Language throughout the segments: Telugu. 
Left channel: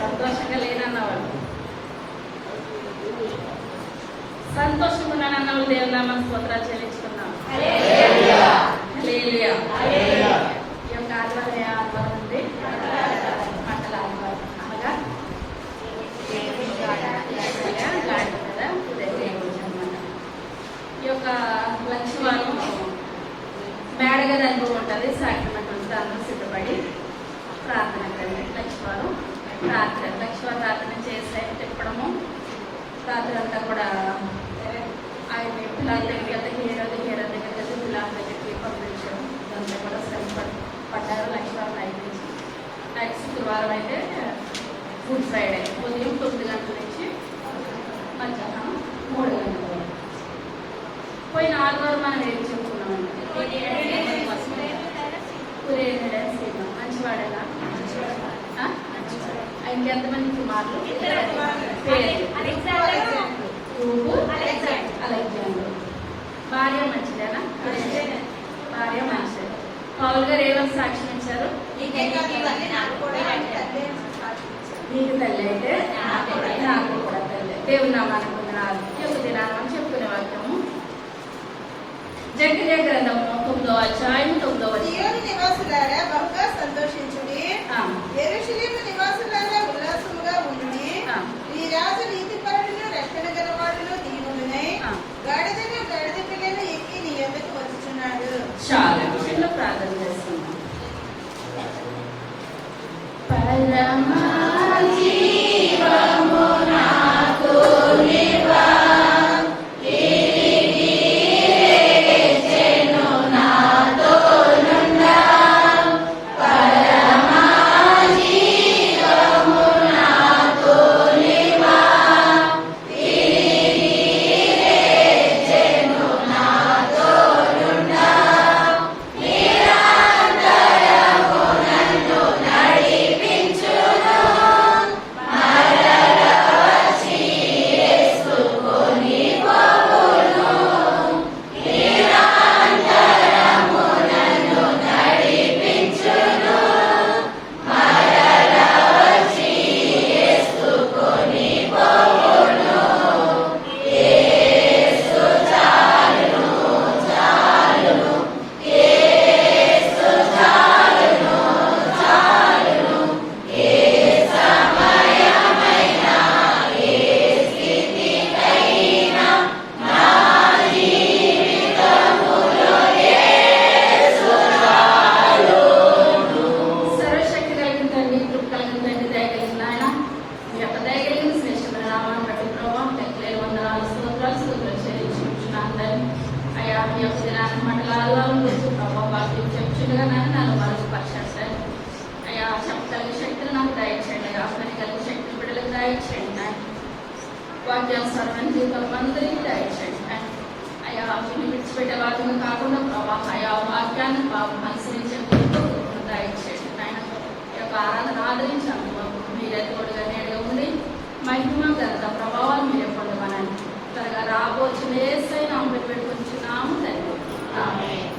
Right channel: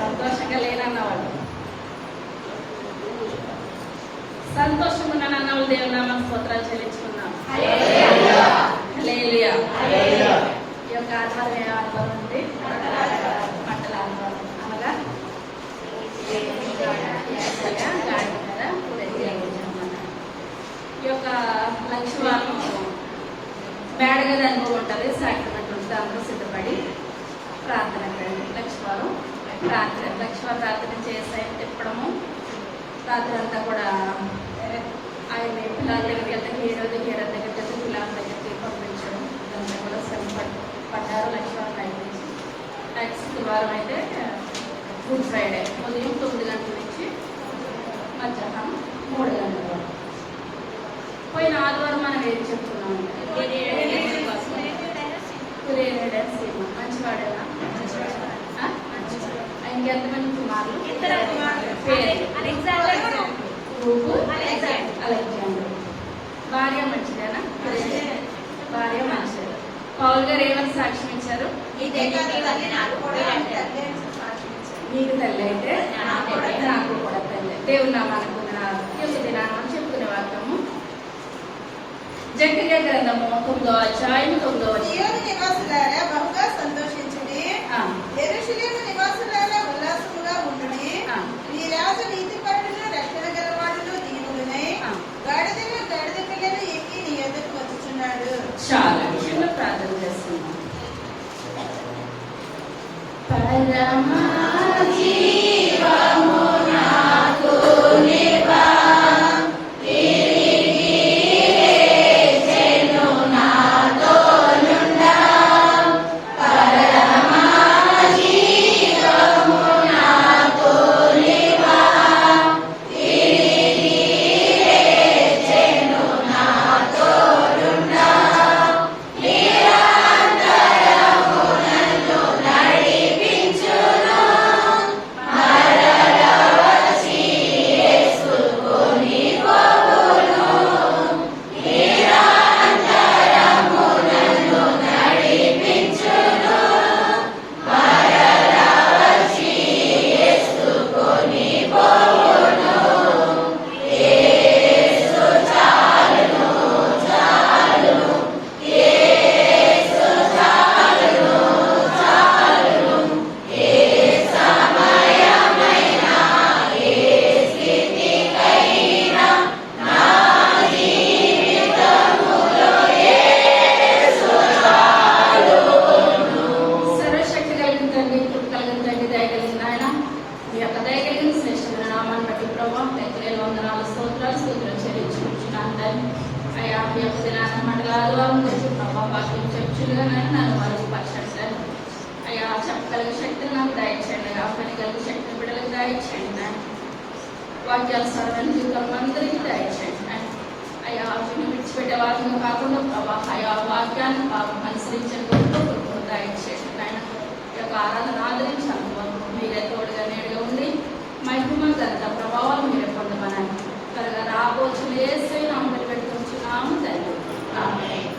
సంతోషంగా లేనన్నవాళ్ళు, సంతోషంగా ఉన్నానన్న వాళ్ళు దేవుని నామానికి స్తోత్రాలు చెల్లించుకున్నాం. హల్లెలూయా. ఈ యొక్క ఆదివారం ఏ ఆదివారం అంటే మంటల ఆదివారం, అనగా గాడి మీద అనమాట. ఈ యొక్క లక్ష్యవారం మేడగది అనుభవం ఉంటుంది, సాక్రమెంట్ ఉంటుంది. అందరూ సిద్ధపడి ప్రార్థనకి రండి. లక్ష్యవారం ప్రార్థన చేసే తిప్పడము, రాత్రి అంతా కూడా ఆయన పిల్లల దగ్గరికి వెళ్తే హీరో దగ్గరికి వెళ్తే పిల్లల దగ్గరికి పంపించడం, ఇదంతా కూడా శ్రమ పడ్డారు. లక్ష్మీవారం అయిపోయింది. నెక్స్ట్ శుక్రవారం అయితే గుడ్ ఫ్రైడే ఉదయం 9 గంటల నుంచి మధ్యాహ్నం 3 గంటల వరకు. పోయిన ఆదివారం మనం ఏం చెప్పుకున్నామంటే సీమ మంచివాడేనా? ఆయనకి ఎంతమంది కుమారులు? పేరు అలెగ్జాండర్. భార్య మంచిదేనా? భార్య మంచిదే. పౌల్ గారు ఏమని సాక్ష్యం ఇచ్చారు? నీకు తల్లి అయితే నాకు కూడా తల్లి. దేవుని నామానికి వందనాలు. ఈ యొక్క దినాన్ని మనం చెప్పుకునే వాక్యము జకర్యా గ్రంథము 9వ అధ్యాయం 9వ వచనం. నివాసులారా బహుగా సంతోషించుడి, యెరూషలేము నివాసులారా ఉల్లాసముగా ఉండుడి. ఈ రాజు నీతిపరుడును రక్షణ గలవాడును దీనుడునై గాడిదను గాడిద పిల్లలు ఎక్కి నీ యొద్దకు వచ్చుచున్నాడు. చాలా చిన్న ప్రార్థన చేస్తున్నాం. పరమా జీవము నాకు నివా వాక్యానుసారమైన జీవితాలు అందరికీ దయచేయండి. అయ్యా వాక్యాన్ని విడిచిపెట్టే వాక్యం కాకుండా ప్రభావ అయ్యా వాక్యాన్ని పాపం అనుసరించే దయచేయండి. ఆయన ఈ యొక్క ఆరాధన ఆదరించాము. మీరే తోడుగా నేడుగా ఉండి మహిమ ఘనత ప్రభావాలు మీరే పొందమని త్వరగా రాబోతున్న యేసై నామమున పెట్టుకుంటున్నాము తండ్రి. ఆమేన్.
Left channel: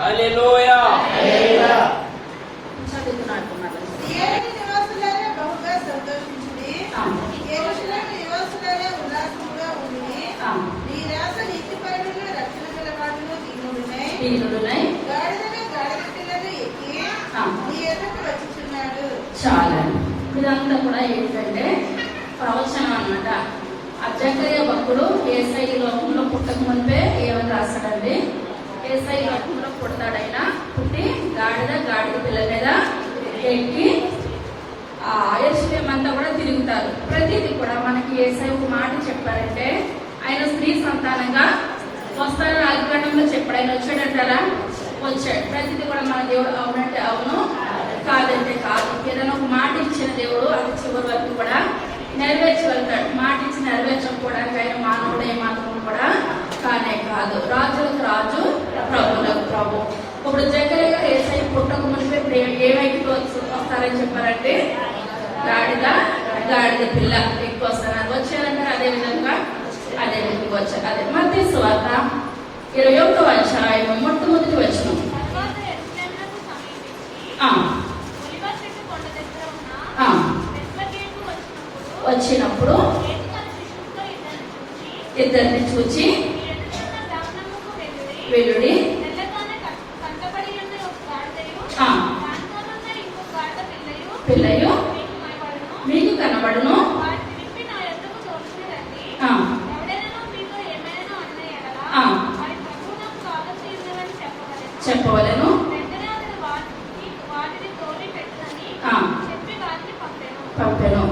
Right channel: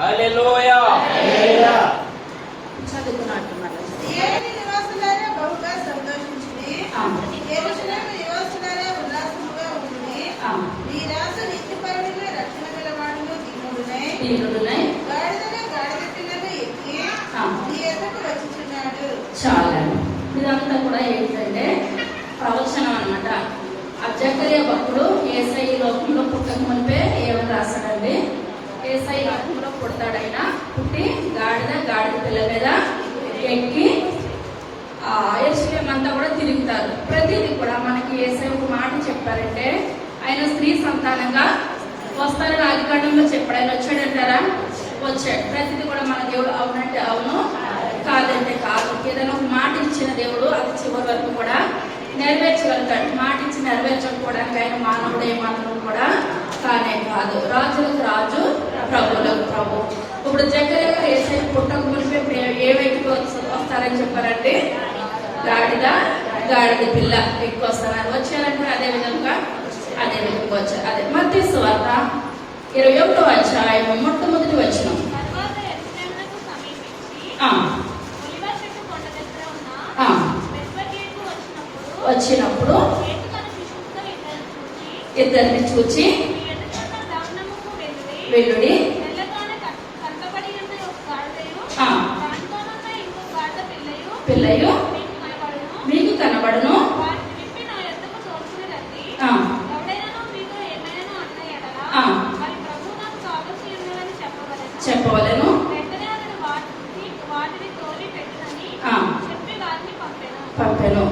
హల్లెలూయా. చదువుకున్నట్టు నివాసులారా బహుగా సంతోషించుడి, యెరూషలేము నివాసులారా ఉల్లాసముగా ఉండుడి. ఈ రాజు నీతిపరుడును రక్షణ గలవాడును దీనుడునై గాడిదను గాడిద పిల్లలు ఎక్కి నీ యొద్దకు వచ్చుచున్నాడు. చాలా ఇదంతా కూడా ఏంటంటే ప్రవచనం అన్నమాట. ఆ జకర్యా భక్తుడు యేసయ్య ఈ లోకంలో పుట్టక మునిపే ఏమని రాస్తాడండి? యేసయ్య ఈ లోకంలో పుడతాడైనా పుట్టి గాడిద పిల్లల మీద ఎక్కి ఆ యెరూషలేము అంతా కూడా తిరుగుతారు. ప్రతిదీ కూడా మనకి యేసయ్య ఒక మాట చెప్పారంటే ఆయన స్త్రీ సంతానంగా వస్తారని ఆదికాండంలో చెప్పాడు. ఆయన వచ్చాడంటారా? వచ్చాడు. ప్రతిదీ కూడా మన దేవుడు అవునంటే అవును, కాదంటే కాదు. ఏదైనా ఒక మాట ఇచ్చిన దేవుడు అది చివరి వరకు కూడా నెరవేర్చి వెళ్తాడు. మాట ఇచ్చి నెరవేర్చకపోవడానికి ఆయన మానవుడు ఏమాత్రం కూడా కానే కాదు. రాజులకు రాజు, ప్రభులకు ప్రభు. ఇప్పుడు జకర్యా గారు యేసయ్య పుట్టక మునిపే ఏమైతే వస్తారని చెప్పారంటే గాడిద పిల్ల ఎక్కువ వస్తున్నారు. వచ్చారంటే అదే విధంగా వచ్చారు. అదే మత్తయి సువార్త 21వ అధ్యాయం మొట్టమొదటి వచనం. వచ్చినప్పుడు ఇద్దరిని చూచి వెల్లుడి పిల్లయు మీకు కనబడును. చెప్పవలను. పంపెను.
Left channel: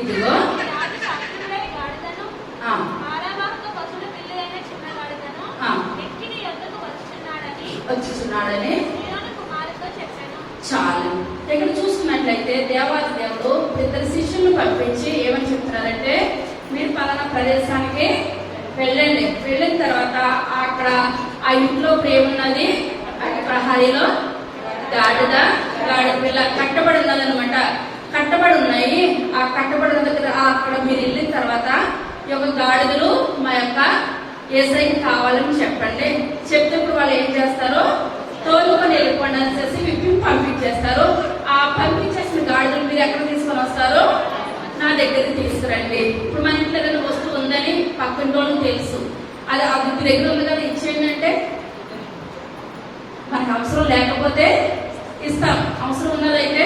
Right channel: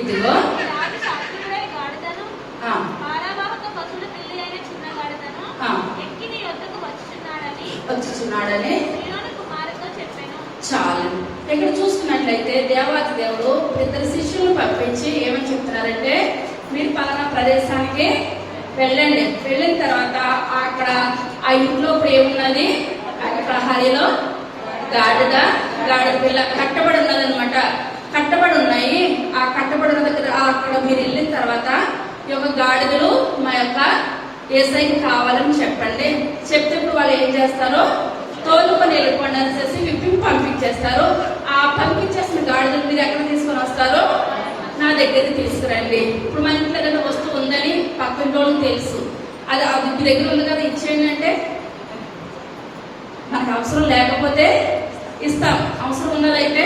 ఇదిగో వచ్చుచున్నాడని చాలు. ఇక్కడ చూసుకున్నట్లయితే దేవాది దేవుడు ఇద్దరు శిష్యులను పంపించి ఏమని చెప్తున్నారంటే, మీరు పలానా ప్రదేశానికి వెళ్ళండి. వెళ్ళిన తర్వాత అక్కడ ఆ ఇంట్లో ఏమున్నది, ప్రహరీలో గాడిద పిల్ల కట్టబడి ఉన్నది అనమాట. కట్టబడి ఉన్నాయి. ఆ కట్టబడి ఉన్న దగ్గర అక్కడ మీరు వెళ్ళిన తర్వాత ఈ యొక్క గాడిదలు మా యొక్క యేసయ్యకి కావాలని చెప్పండి. చెప్తే ఇప్పుడు వాళ్ళు ఏం చేస్తారో తోలుకొని వెళ్ళిపోండి అనేసి విప్పి పంపించేస్తారు. ఆ పంపించేసిన గాడిదలు మీరు ఎక్కడ తీసుకొని వస్తారో నా దగ్గరికి తీసుకురండి. ఇప్పుడు మన ఇంట్లో ఏదైనా వస్తువు ఉందని పక్కన వాళ్ళకి తెలుసు, అది మీ దగ్గర ఉంది కదా ఇచ్చేయండి అంటే మనకు అవసరం లేకపోతే ఇస్తాం. అవసరం ఉన్నదైతే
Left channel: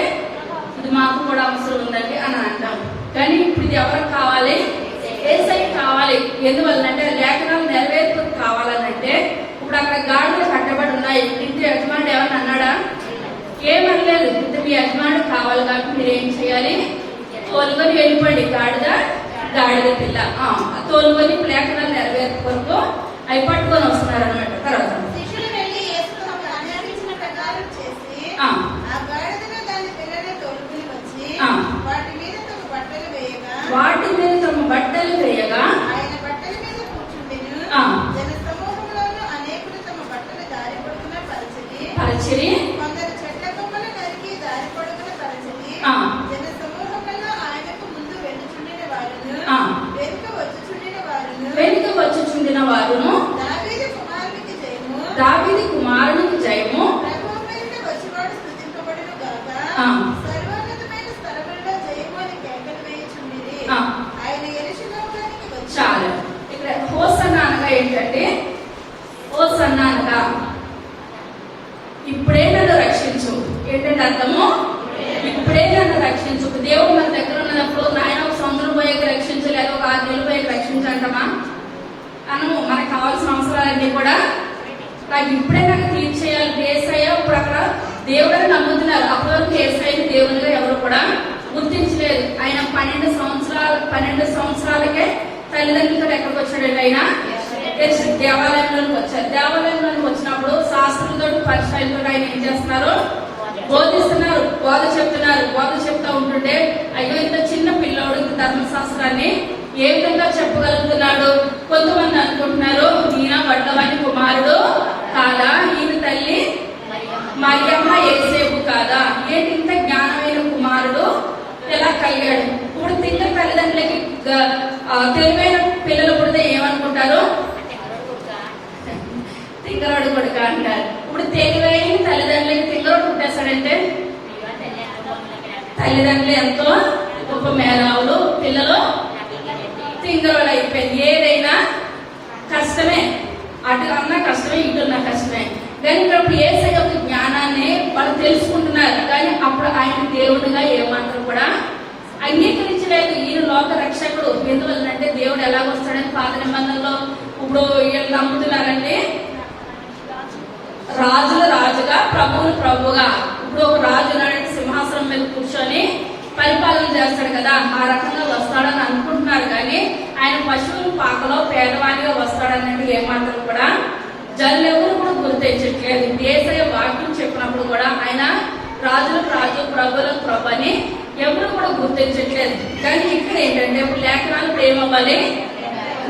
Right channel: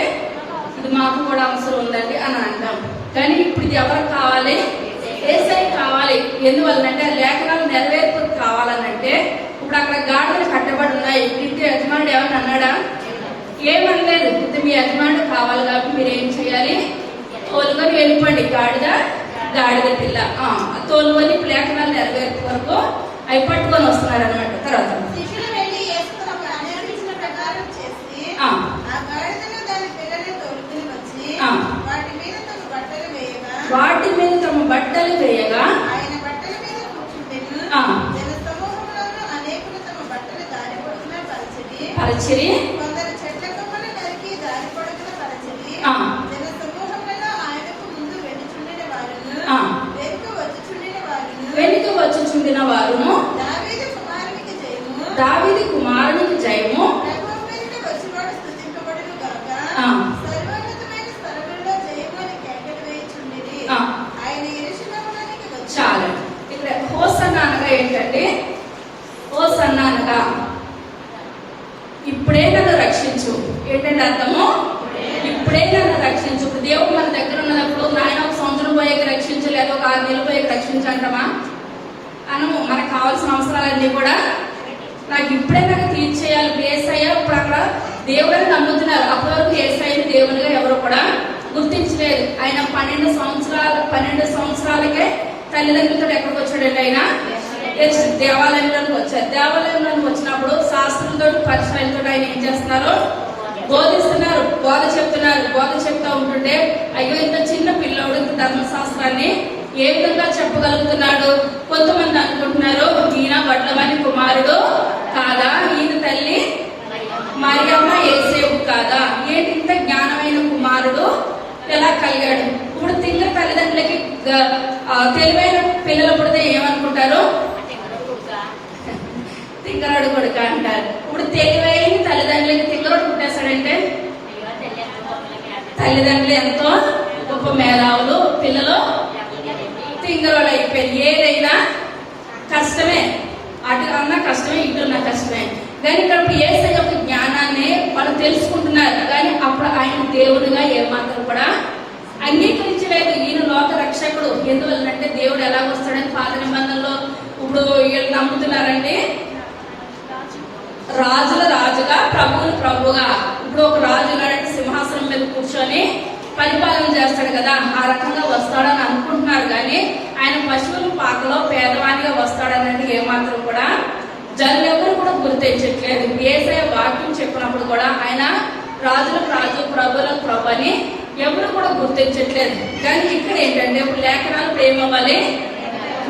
ఇది మాకు కూడా అవసరం ఉందండి అని అంటాం. కానీ ఇప్పుడు ఇది ఎవరికి కావాలి? యేసయ్యకి కావాలి. ఎందువల్లంటే లేఖనాలు నెరవేర్పు కావాలనంటే ఇప్పుడు అక్కడ గాడిదలు కట్టబడి ఉన్నాయి. ఇంటి యజమానుడు ఏమన్నా అన్నాడా? ఏమనలేదు. ఇంత మీ యజమానుడు కావాలి కాబట్టి మీరు ఏం చేయాలి? తోలుకొని వెళ్ళిపోండి. గాడిద పిల్ల తోలుకొని లేఖనాలు నెరవేర్పు వరకు అవి పట్టుకొని వస్తున్నారు అనమాట. తర్వాత వాటి మీద తమ బట్టలు వేయగా ఆయన బట్టల మీద కూర్చుంటెను. జన సమూహంలోనూ అనేకులు తమ బట్టలు దారి పొడుగున పరచిరి. కొందరు చెట్ల కొమ్మలు నరికి దారి పొడుగున పరచిరి. జన సమూహంలో ఆయనకు ముందు వెనుచుండిన వారును దావీదు కుమారునికి జయము ప్రభువు మీద వచ్చివాడు స్తుతింపబడును గాక. సర్వోన్నతమైన స్థలములలో జయము అని కేకలు వేయుచుండిరి. ఆయన యెరూషలేములోనికి వచ్చి చాలు. ఇక్కడ హోసన్నా అనగా ఏంటంటే, హోసన్నా అనగా ఇప్పుడే నన్ను రక్షించు. ఏంటంటే అర్థము, ఇప్పుడే నన్ను రక్షించు. దేవుడు మన దగ్గర ఉన్నప్పుడు నాయన ఒక సంవత్సరం పోయేకి రక్షించు, లేదా ఒక 6 నెలలు పోయేకి రక్షించంటామా అనము. మనకు కావాల్సిన అవసరాలన్నీ కూడా నాకు ఇప్పుడే నాకు తీర్చేయాలి. యేసయ్య ఇప్పుడు అక్కడ దేవుడని నమ్ముతున్నారు. అప్పటివరకు యేసయ్యని దేవునిగా ఎవరు కూడా గుర్తించలేదు. ఆయన 12 సంవత్సరాలకే తల్లిదండ్రులతో ఎక్కడికి వచ్చాడండి? ఆయన దేవాలయంలోకి వచ్చారు. దేవాలయంలోకి వచ్చినప్పుడు శాస్త్రంతో పరిచయంతో ఆయన ఏం చేస్తున్నారు? బోధిస్తున్నారు, బోధ చెప్తున్నారు. బోధ చెప్తా ఉంటుండే అయ్యో ఇంత చిన్న పిల్లోడు ధర్మశాస్త్రాన్ని ఏ విధంగా చెప్పగలుగుతున్నాడు? కొంతమంది అనుకుంటున్నారు ఈయన వడ్లవాని కుమారుడు కాదా, ఈయన తల్లి మరియమ్మ యేసేపు కాదా, ఏంటి ఇంత జ్ఞానమైన కుమారుడు ఎలా కలిగాడు? ఇప్పుడు తిన్న తల్లిదండ్రులకి తెలివైన పిల్లలు పుడితే ఏమనుకుంటారు? తింగరాడు కొడుక అంటారు. ఇప్పుడు తెలివైన తల్లిదండ్రులకి తింగరాడు పుట్టేస్తాడంటే తల్లిదండ్రులు ఎంతో గొప్ప మేధావులు, పిల్లలు తింగరాడు అయిపోయింది. ఏదైనా కష్టమే, అటు అన్నా కష్టమే, ఇటున్నా కష్టమే. కానీ ఇప్పుడు యేసయ్య యొక్క జ్ఞానాన్ని వాళ్ళు తెలుసుకుంటున్నారు. కానీ అప్పుడు ఆయన దేవుడిగా ఏమాత్రం కూడా అంగీకరించలేదు. ఈయన లోక రక్షకుడు. ఎందువల్లంటే దేవుడు ఎలాగొస్తాడని పాత నిబంధనలో ఇప్పుడు వీళ్ళు నమ్ముతున్నారంటే రాజుల రాజుగా, ప్రభువులు ప్రభువుగా. ఇప్పుడు ఒక రాజు లాంటి సింహాసనం మీద కూర్చొని పరిపాలన చేస్తాడు కదా, ఆ రకంగా వస్తాడని అనుకుంటున్నారు. కానీ ఆయన పశువుల పాకలో పేదవానిగా వస్తాడన్నట్టు ఏమాత్రం కూడా జనులెవరు కూడా గుర్తించట్లేదు. యేసయ్య వాక్యం చెప్పినప్పుడు కూడా ఆయన రాజులకు రాజు, ప్రభులకు ప్రభు అని ఎవరు కూడా గుర్తించట్లేదు. కానీ ఇక్కడ ఏంటంటే ఇప్పుడు లేఖనాలు ప్రేమవ్వాలి,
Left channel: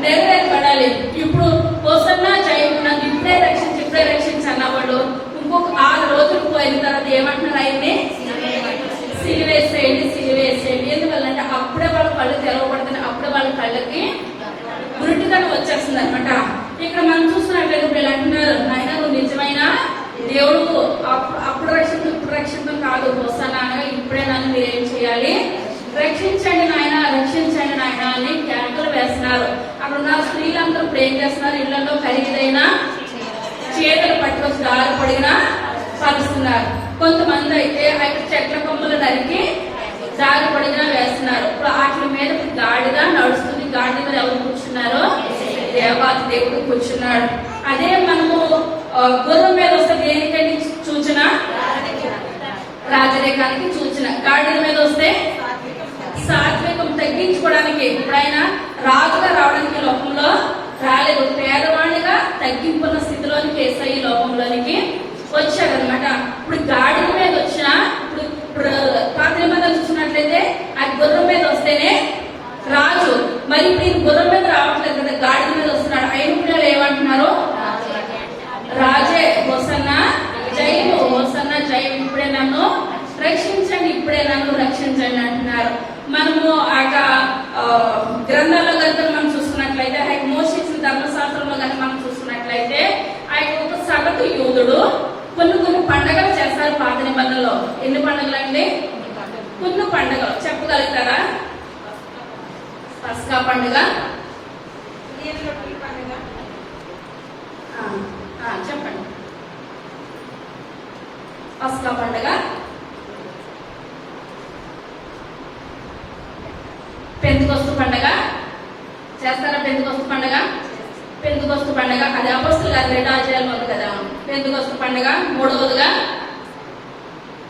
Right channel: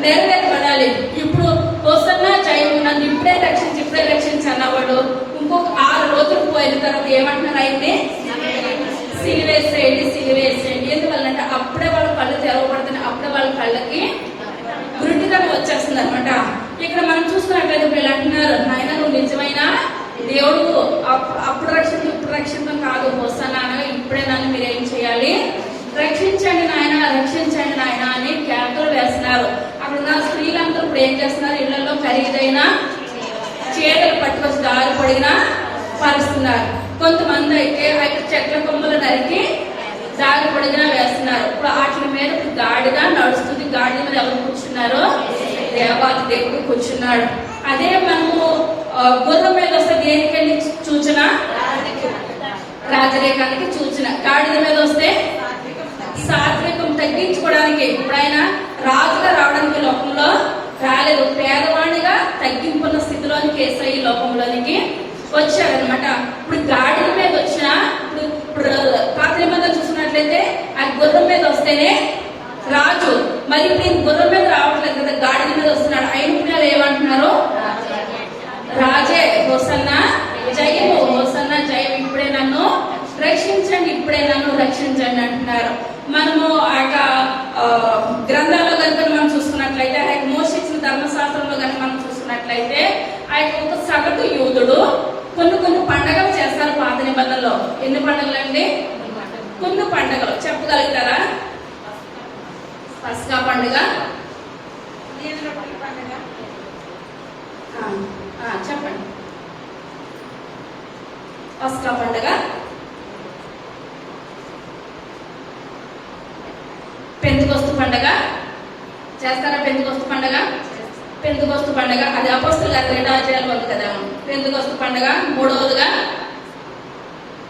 నెరవేర్పడాలి. ఇప్పుడు హోసన్నా జయము, నన్ను ఇప్పుడే రక్షించి అన్నవాడు ఇంకొక 6 రోజులు పోయిన తర్వాత ఏమంటున్నారు? ఆయన్ని సిలివేసేయండి. ఎందువల్లంటే అప్పుడే వాళ్ళ కళ్ళు తెరవబడుతున్నాయి. అప్పుడే వాళ్ళ కళ్ళకి గురుటితనం వచ్చేస్తుంది అనమాట. ఇక్కడ మనం చూసుకున్నట్లయితే వీళ్ళు అంటున్నారు, నాయన నువ్వు నిజమైన దేవుడు, రక్షితం కాదు. హోసన్నా అనగా ఇప్పుడే నన్ను మీరేం చేయాలి, రక్షించండి నాయన, రక్షించండి నాయన అని కేకలు వేస్తున్నారు. అక్కడ ఉన్న స్త్రీలందరూ ఇప్పుడు ఏం చేస్తున్నారు, ఇళ్లలో ఖరీదైన చీరలు పట్టుకొచ్చి దారి పొడిగిన పరుస్తున్నారు. కొంతమంది అయితే అక్కడ చెట్ల కొమ్మలు నరికి దారి పొడిగిన వేస్తున్నారు. ఇప్పుడు వాటి మీద గాడిద నడుస్తుంది. గాడిద మీద ఎవరు కూర్చున్నారు, దేవాది దేవుడు కూర్చున్నాడు. అదే మనము గుర్రం మీద వస్తే దేనికండి సూచన, రాజరికానికి సూచన. గాడిద మీద వస్తే సాత్వికం తగ్గించుకోవడానికి. ఇప్పుడు ఆయన రాజుగా రావడానికి లోకంలో రాలేదు, పేదవాడిగా తగ్గింపున్న స్థితిలోనికి యేసయ్య ఈ లోకంలోనికి వచ్చాడనమాట. ఇప్పుడు గాడిద మీద వచ్చిన ఇప్పుడు పాత నిబంధనలు చూసినట్లయితే ఆ గుర్రం మీద వస్తేనే రాజు. మరి ఇప్పుడు ఈ గుర్రం మీద రావట్లేదు కదా, గాడిద మీద వస్తున్నాడు. అయినప్పుడు ఏమంటున్నారు, రాజే హోసన్నా జయము, హోసన్నా జయం, ఇప్పుడే నన్ను రక్షించండి, ఇప్పుడే నన్ను రక్షించండి అంటున్నారు. మనము ఆ గ్రంథాల్లో కనుక మనం చూసుకున్నట్లయితే, ఆ మోషే ఇచ్చిన ధర్మశాస్త్రంలో కనుక మనం చూసుకున్నట్లయితే, ఆ ఒక సగటు యూదుడు కొన్ని పండుగలు చేస్తారు పాత నిబంధనలో. ఎన్ని పండుగలు అండి? కొన్ని పండుగలు చెప్పగలుగుతారా? పస్కా పండుగ చెప్పండి. పస్కా పండుగ, పెంతెకొస్తు పండుగ చేస్తారా? పెంతెకొస్తు పండుగ, పెంతెకొస్తు పండుగ అది అపోస్తలుల గారి 2వ అధ్యాయంలో ఉంది కదా. పెంతెకొస్తు పండుగ. మూడవదిగా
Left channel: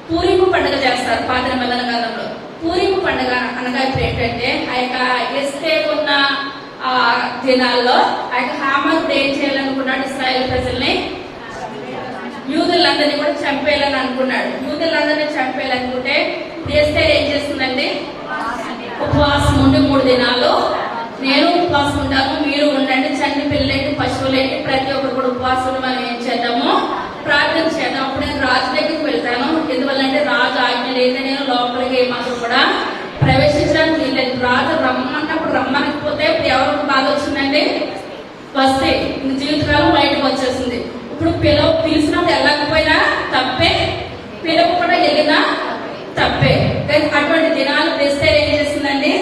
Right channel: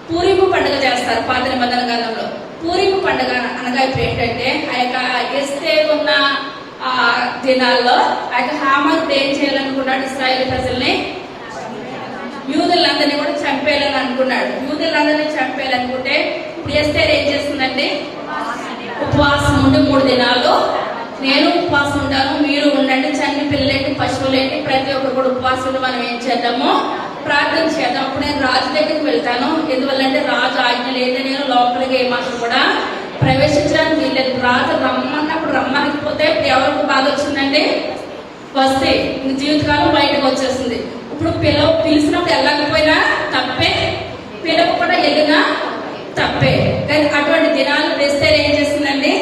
పూరీము పండుగ చేస్తారు పాత నిబంధన గ్రంథంలో. పూరీము పండుగ అనగా ఇప్పుడు ఏంటంటే, ఆ యొక్క ఎస్తేరు ఉన్న దినాల్లో ఆ యొక్క హామాను ఏం చేయాలనుకున్నాడు, ఇశ్రాయేలు ప్రజల్ని, యూదులందరినీ కూడా చంపేయాలని అనుకున్నాడు. యూదులందరినీ చంపేయాలనుకుంటే ఇప్పుడు ఎస్తేరు ఏం చేస్తుందండి, ఉపవాసం ఉండి 3 దినాలు నేను ఉపవాసం ఉంటాను, మీరు ఉండండి, చంటి పిల్లలేంటి పశువులేంటి ప్రతి ఒక్కరు కూడా ఉపవాసం మనం ఏం చేద్దాము, ప్రార్థన చేద్దాం. అప్పుడు నేను రాజు దగ్గరికి వెళ్తాను. ఎందువల్లంటే రాజు ఆజ్ఞ లేదా నేను లోపలికి ఏమాత్రం కూడా ప్రవేశించడానికి వీల్లేదు. రాజు రమ్మన్నప్పుడు రమ్మనకపోతే ఎవరికి బాధ వచ్చిందండి, వస్తే ఇంక జీవితకాలం బయటకు వచ్చేస్తుంది. ఇప్పుడు పిలిచినప్పుడు వెళ్ళకపోయినా తప్పే, పిలవకుండా వెళ్ళినా తప్పే. కానీ అటువంటి దినాలు తెస్తే ఏం చేస్తుందండి,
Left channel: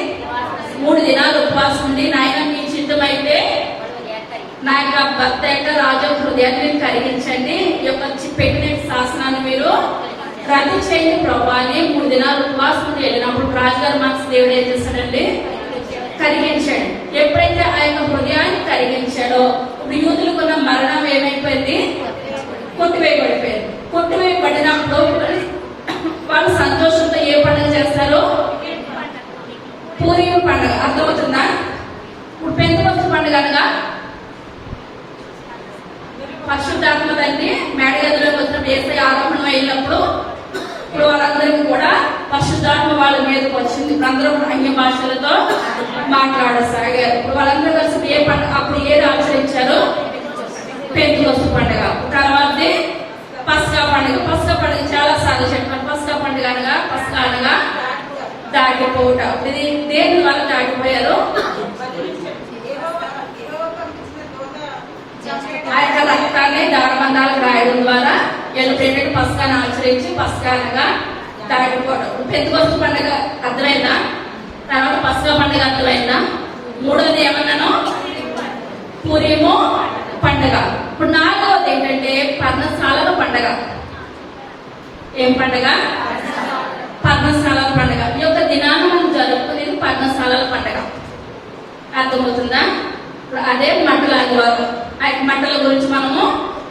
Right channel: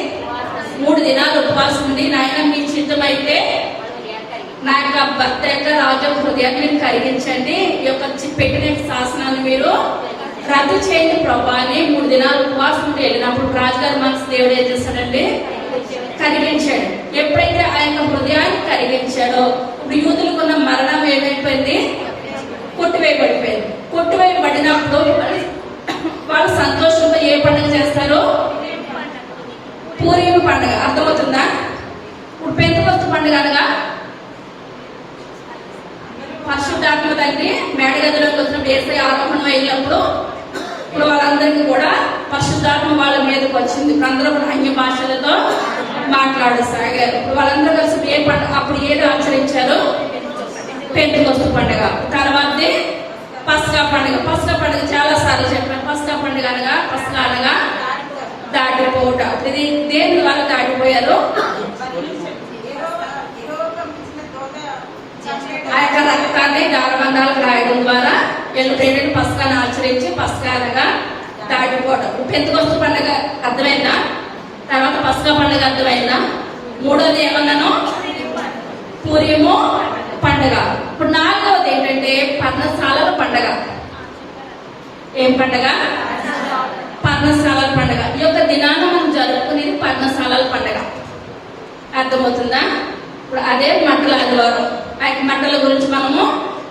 3 దినాలు ఉపవాసం ఉండి, నాయన మీ చిత్తమైతే నా యొక్క భర్త యొక్క రాజు హృదయాన్ని మీరు కరిగించండి, ఈ యొక్క పెట్టిన శాసనాన్ని మీరు రద్దు చేయండి ప్రభా అని 3 దినాలు ఉపవాసం ఉండి వెళ్ళినప్పుడు రాజుగారి మనసు దేవుడు ఏం చేస్తాడండి, కరిగించాడు. ఎప్పుడైతే ఆ యొక్క హృదయాన్ని కరిగించాడో ఇప్పుడు యూదులకున్న మరణం ఏమైపోయింది, కొట్టివేయబడిపోయింది. కొట్టివేయబడినప్పుడు వాళ్ళు సంతోషంతో ఏ పండుగ చేస్తారు, పూరీము పండుగ. అర్థమవుతుందా? ఇప్పుడు పెంతెకొస్తు పండుగ అనగా పరిశుద్ధాత్మ తండ్రి మేడగదిలోకి వచ్చినప్పుడు యేసయ్య ఆరోహణం అయినప్పుడు ఇప్పుడు వాళ్ళందరికీ కూడా పరిశుద్ధాత్మ వాళ్ళ మీదకి వచ్చింది. ఇప్పుడు అందరూ కూడా అన్య భాషలతో మాట్లాడసాగారు. ఇప్పుడు వాళ్ళందరూ కలిసి ఏ పండుగ అప్పుడు ఏది ఆచరించారు, పెంతెకొస్తు పండుగ. తర్వాత పస్కా పండుగ. పస్కా పండుగ చాలా సార్లు చెప్పాను. పస్కా పండుగ అనగా దాటిపోట. ఇది దేని వల్ల దాటిపోయారు, ఆ యొక్క రక్తాన్ని దారబంధాలకు రాయడం ద్వారా ఏంటంటే పస్కాను ఆచరించి పస్కా అనగా దాటిపోవడం. పెంతెకొస్తు పండుగ అర్థమైందా? తర్వాత పస్కా పండుగ అర్థమైందా? మూడవది ఏమన్నాను, పూరీము పండుగ. ఇప్పుడు 4వది ఏంటంటే పర్ణశాలల పండుగ. ఏం పండుగ? పర్ణశాలల పండుగ. ఈ యొక్క దినాన్ని మనం జరుపుకునేది పర్ణశాలల పండుగ. అర్థమవుతుందా? ఇప్పుడు అదే మంటల ఆదివారం. ఆ మంటల గురించి మనము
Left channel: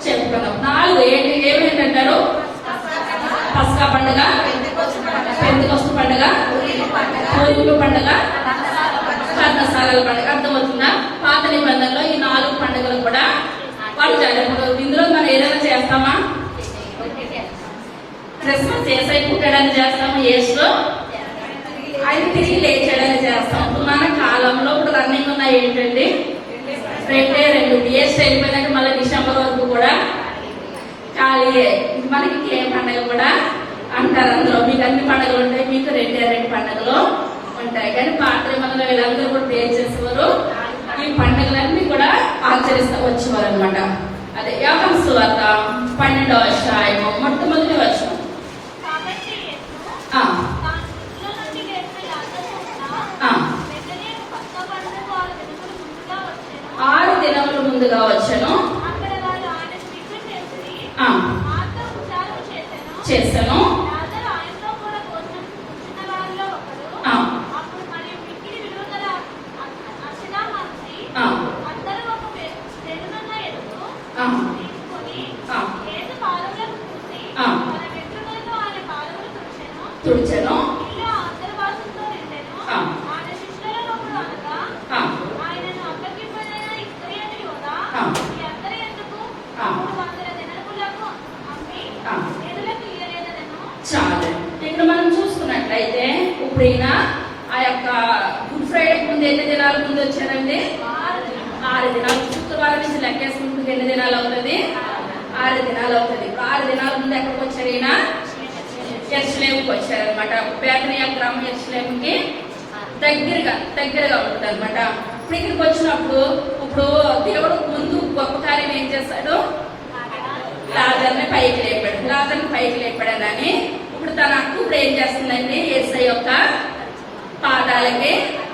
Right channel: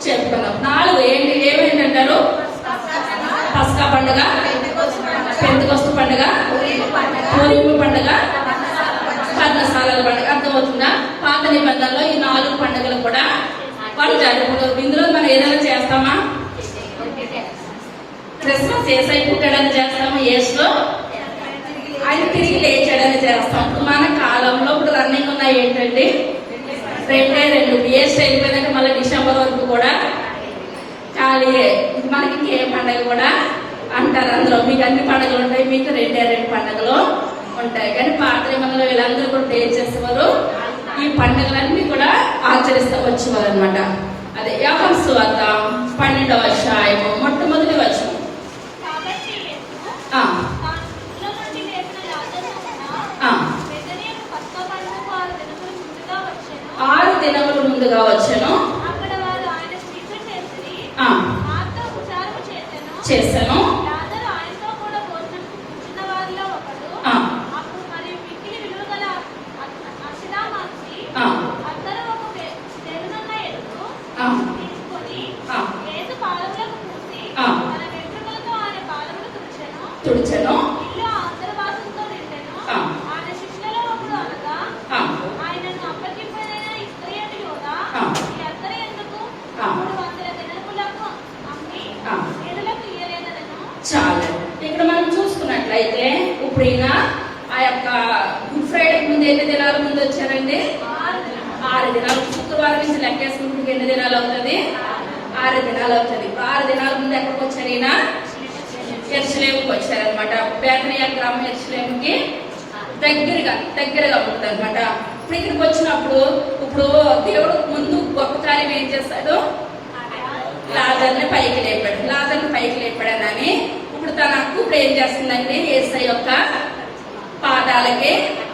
చెప్పుకున్నాం. 4 ఏమేంటంటారు, పస్కా పండుగ, పెంతెకొస్తు పండుగ, పూరీము పండుగ, పర్ణశాలల పండుగ. అర్థమవుతుందా? పాత నిబంధనలో ఈ 4 పండుగలు కూడా వాళ్ళు జరుపుకోరు. ఇందులో మనం ఏదైనా చేస్తామా, క్రిస్మస్ యేసయ్య పుట్టాడని చేస్తాము, యేసు ఆయన తిరిగి లేచాడని చేస్తాం. మన కాలంలో ఇప్పుడు రన్నింగ్ ఉన్నాయి ఏంటండి, 2 ఇయర్స్ అయిపోయిందంటే మళ్ళీ డిసెంబర్ వరకు కూడా ఖాళీయే. మనకి ఏ పండుగ కూడా అంటారు అందులో. మీకు అన్ని పండుగలు ఉంటాయి, మీకు 2 పండుగలు ఉంటాయి. కానీ పాత నిబంధనలో వీళ్ళందరూ కూడా ప్రే చేసేవారు, ఈ పండుగలన్నీ కూడా ఆచరిస్తూ వచ్చేవారు అనమాట. అదే యోహాను సువార్త 12వ అధ్యాయము మొట్టమొదటి వచనం. చేశాను. లాజరు ఆయనతో కూడా కూర్చున్న వారిలో ఒకడు. ఆ, అప్పుడు మరియు మిక్కిలి విలువగల అర్షినా మనిషి ఆ, అద్దరపు తెరునున్న ఎరుపు ఆ, తీసుకుని ఆ. యేసు పాదములకు పూసి ఆ. తన వెంట్రుకలతో ఆయన పాదములు తుడిచెను. తుడిచెను. ఇల్లు అంతర్వాసంతో నిండెను. ఆ. ఆయన శిష్యులలో ఒకడు అనగా ఆ, ఆయనను అప్పగింపడైన ఇస్కరియోతు యూద ఆ. ఈ అద్దరు ఎందుకు ఆ. 300 దినారులకు అమ్మి ఆ. పేదలకు ఇయ్యలేదనెను. చాలు. ఇక్కడ మనం చూసుకున్నట్లయితే ఇప్పుడు ఈయన ఆ యొక్క గుడ్ ఫ్రైడేకి ముందు ఎన్ని దినాల ముందు వచ్చారండి? 6 దినాలు. శుక్రవారం నుంచి లెక్కేసుకుంటే ఎన్ని దినాలు అవుతుంది? 6 దినాలు అవుతుంది. ఇప్పుడు 6 దినాల ముందు ఎక్కడికి వచ్చారు ఈయన? యెరూషలేముకి వచ్చారనమాట. బేతనియా గ్రామం యెరూషలేముకి దగ్గరగా ఉంటుంది అనమాట. ఇప్పుడు ఇక్కడికి వచ్చినప్పుడు ఇప్పుడు దేవుడు ముందు గొప్ప కార్యం ఏం చేస్తాడు? లాజర్ని పైకి లేపాడనని ఇప్పుడు తన అక్క ఇప్పుడు ఏం చేస్తుందండి? యేసయ్య యొక్క పాదాలకి